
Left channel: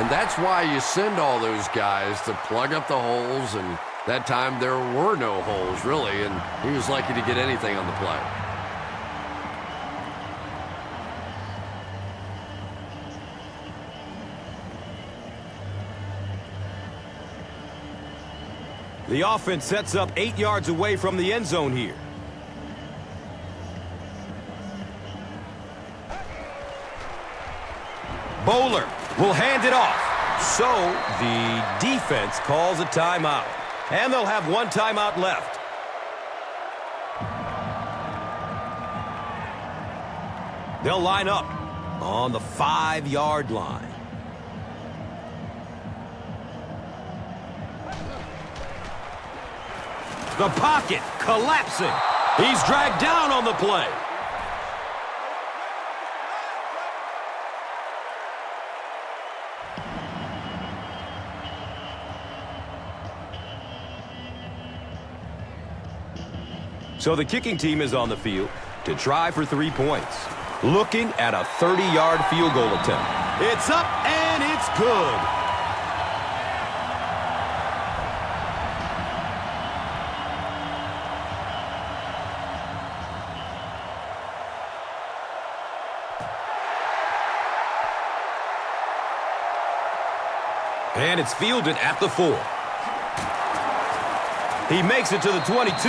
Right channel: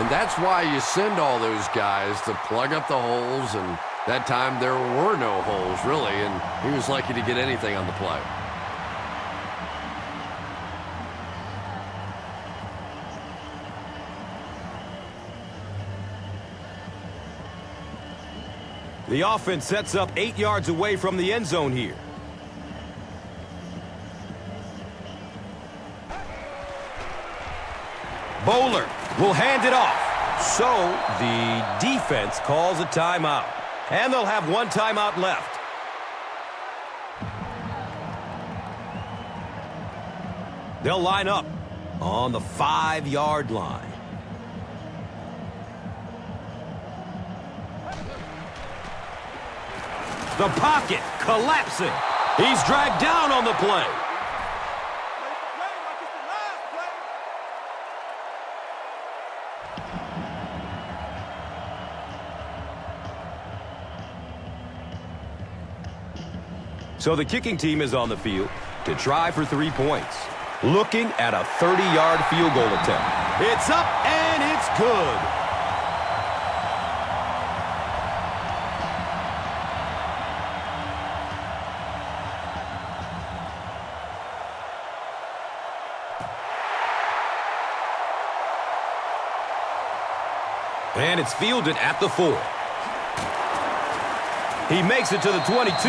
And that's why you send all those guys to plug up the holes, and that time there were no holes, really, and he was lucky to get anything on the play. The offense sets up 8 yards away from the end zone here. Bowler will hand it off. So the defense calls a timeout. And they'll have 1 timeout left. They'll line up on the 5-yard line. The pocket collapsing. He's dragged down on the play. So the kicking team is on the field to try for 3 points. Looking at a 30-yard field goal attempt. It's up and it's good. And it's fielded at the 4. He makes it to the 22.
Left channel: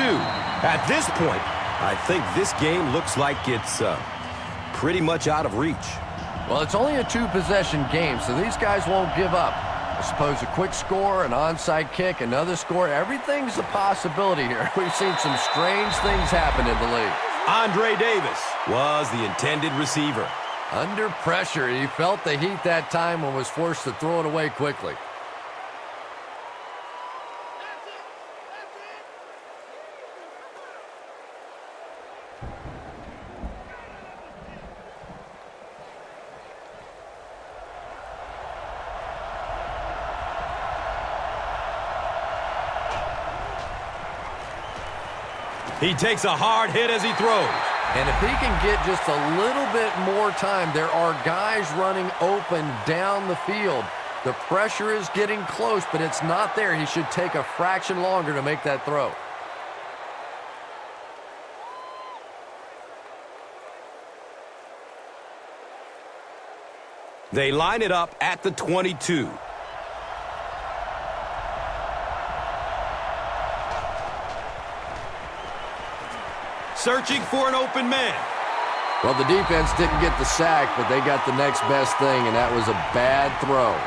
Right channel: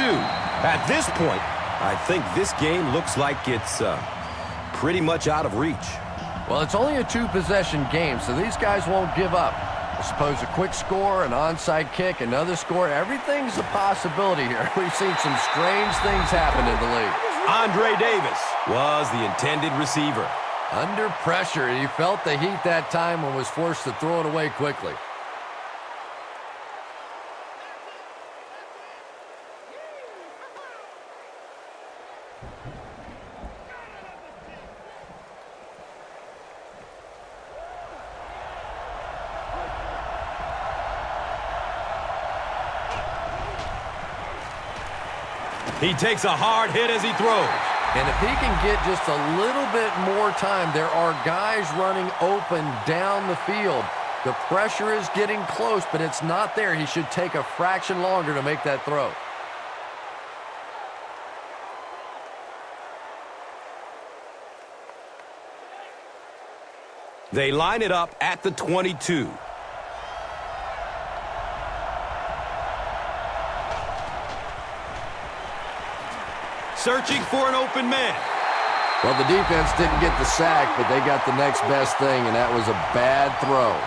At this point, I think this game looks like it's pretty much out of reach. Well, it's only a 2-possession game, so these guys won't give up. I suppose a quick score, an onside kick, another score, everything's a possibility here. We've seen some strange things happen in the league. Andre Davis was the intended receiver. Under pressure, he felt the heat that time and was forced to throw it away quickly. He takes a hard hit as he throws. And if he can get just a little bit more time, there are guys running open down the field. The pressure is getting close, but it's not there. He should take a fraction longer to make that throw. They line it up at the 22. Searching for an open man. Well, the defense didn't get the sack, but they got the next best thing, and that was a bad throw.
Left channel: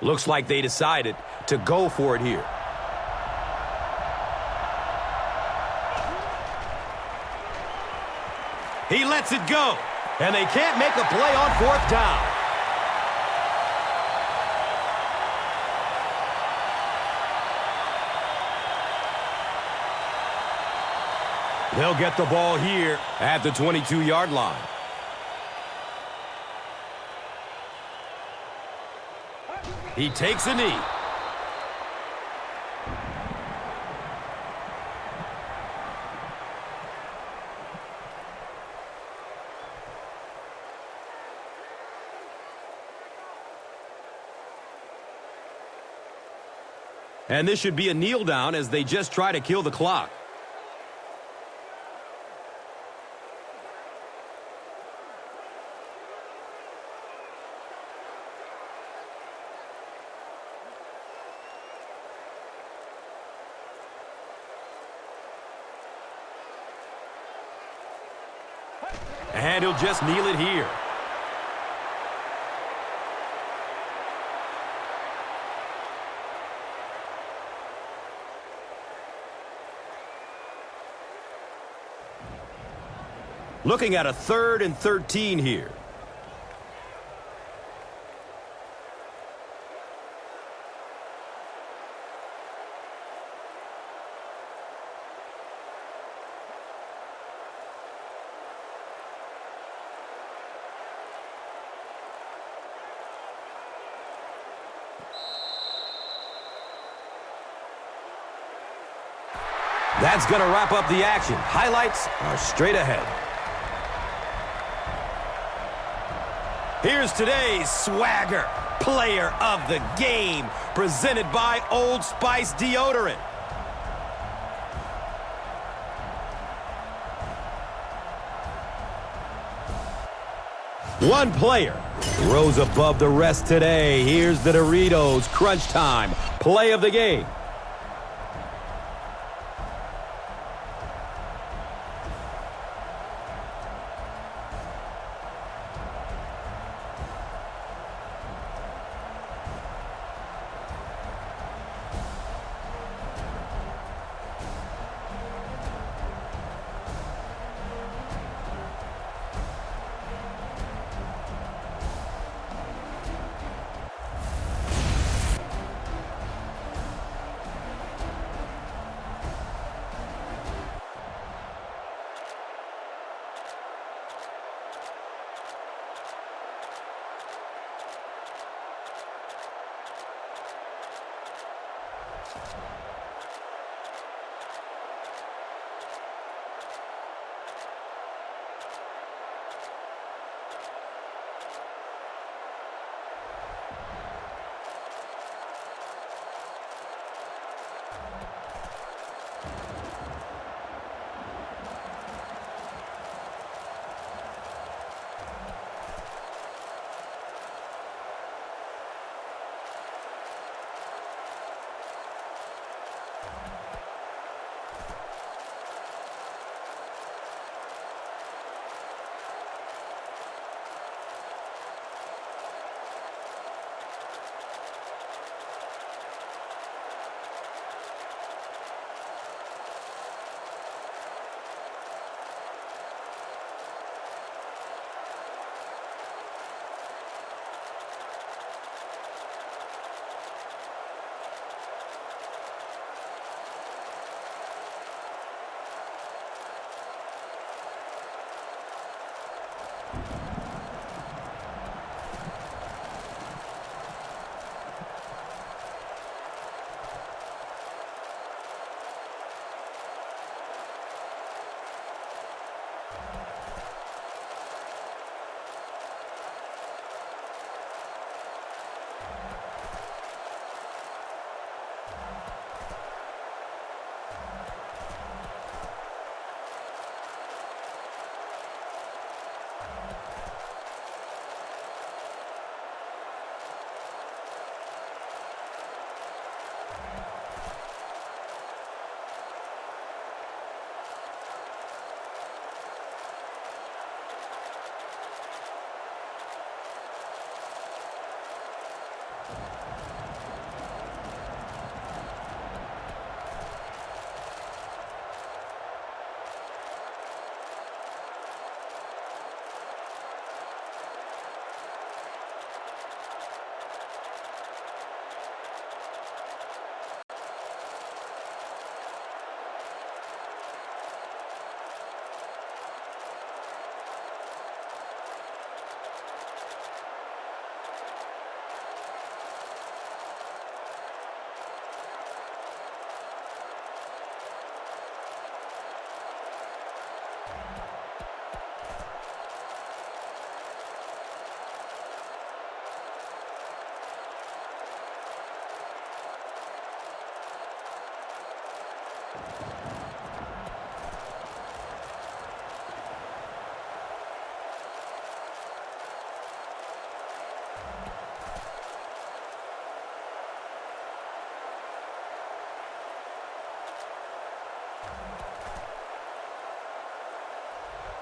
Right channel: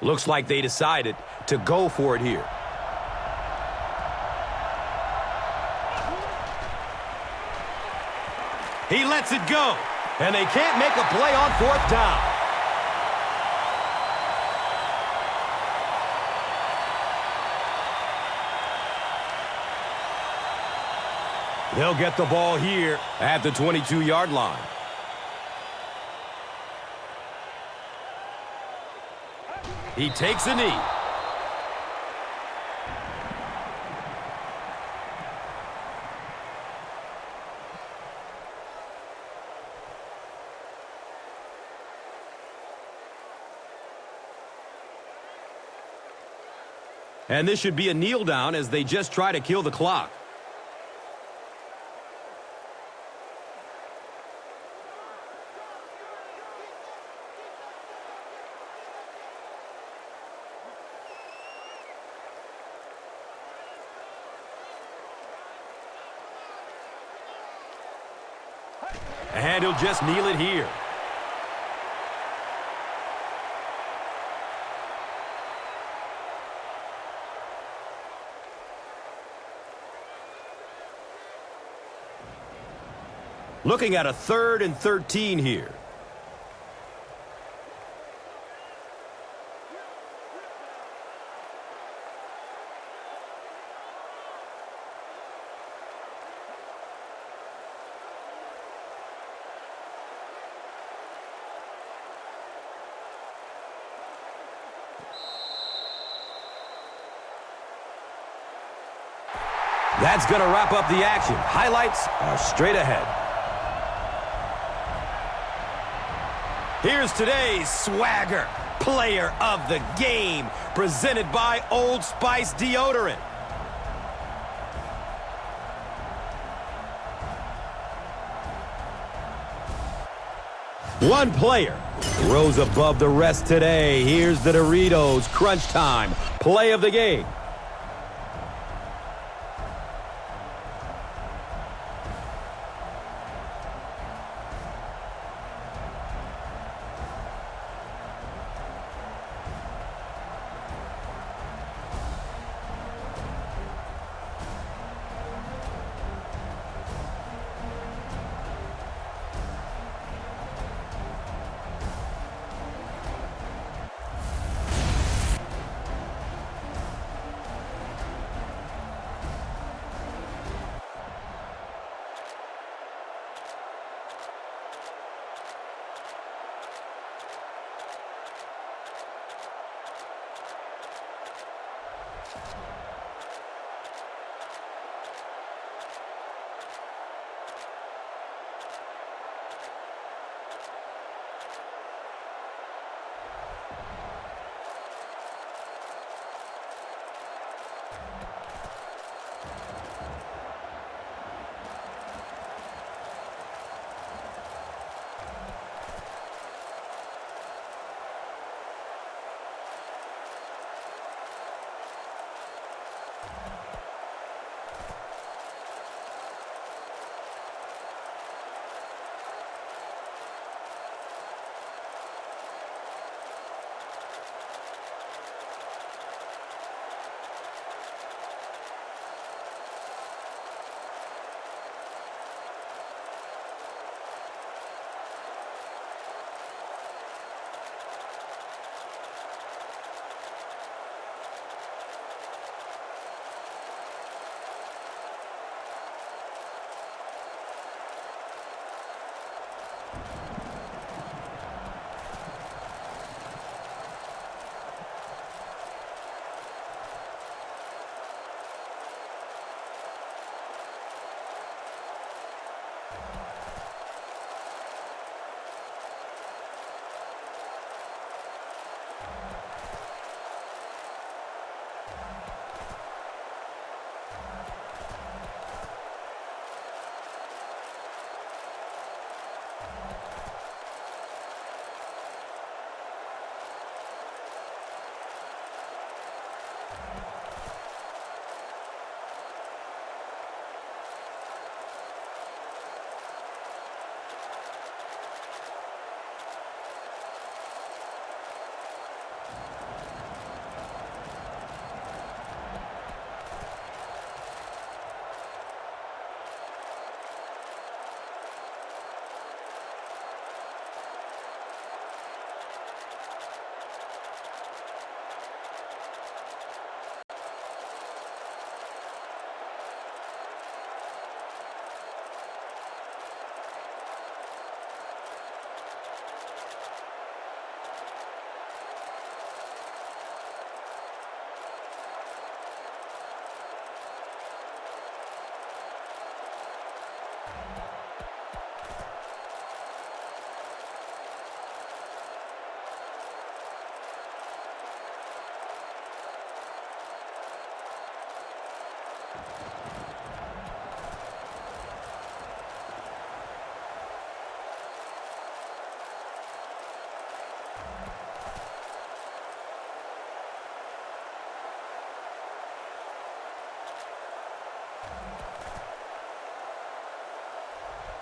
Looks like they decided to go for it here. lets it go. And they can't make a play on fourth down. They'll get the ball here at the 22-yard line. He takes a knee. And this should be a kneel down as they just try to kill the clock. And he'll just kneel it here. Looking at a 3rd and 13 here. That's going to wrap up the action. Highlights are straight ahead. Here's today's swagger player of the game, presented by Old Spice Deodorant. One player rose above the rest today. Here's the Doritos Crunch Time play of the game.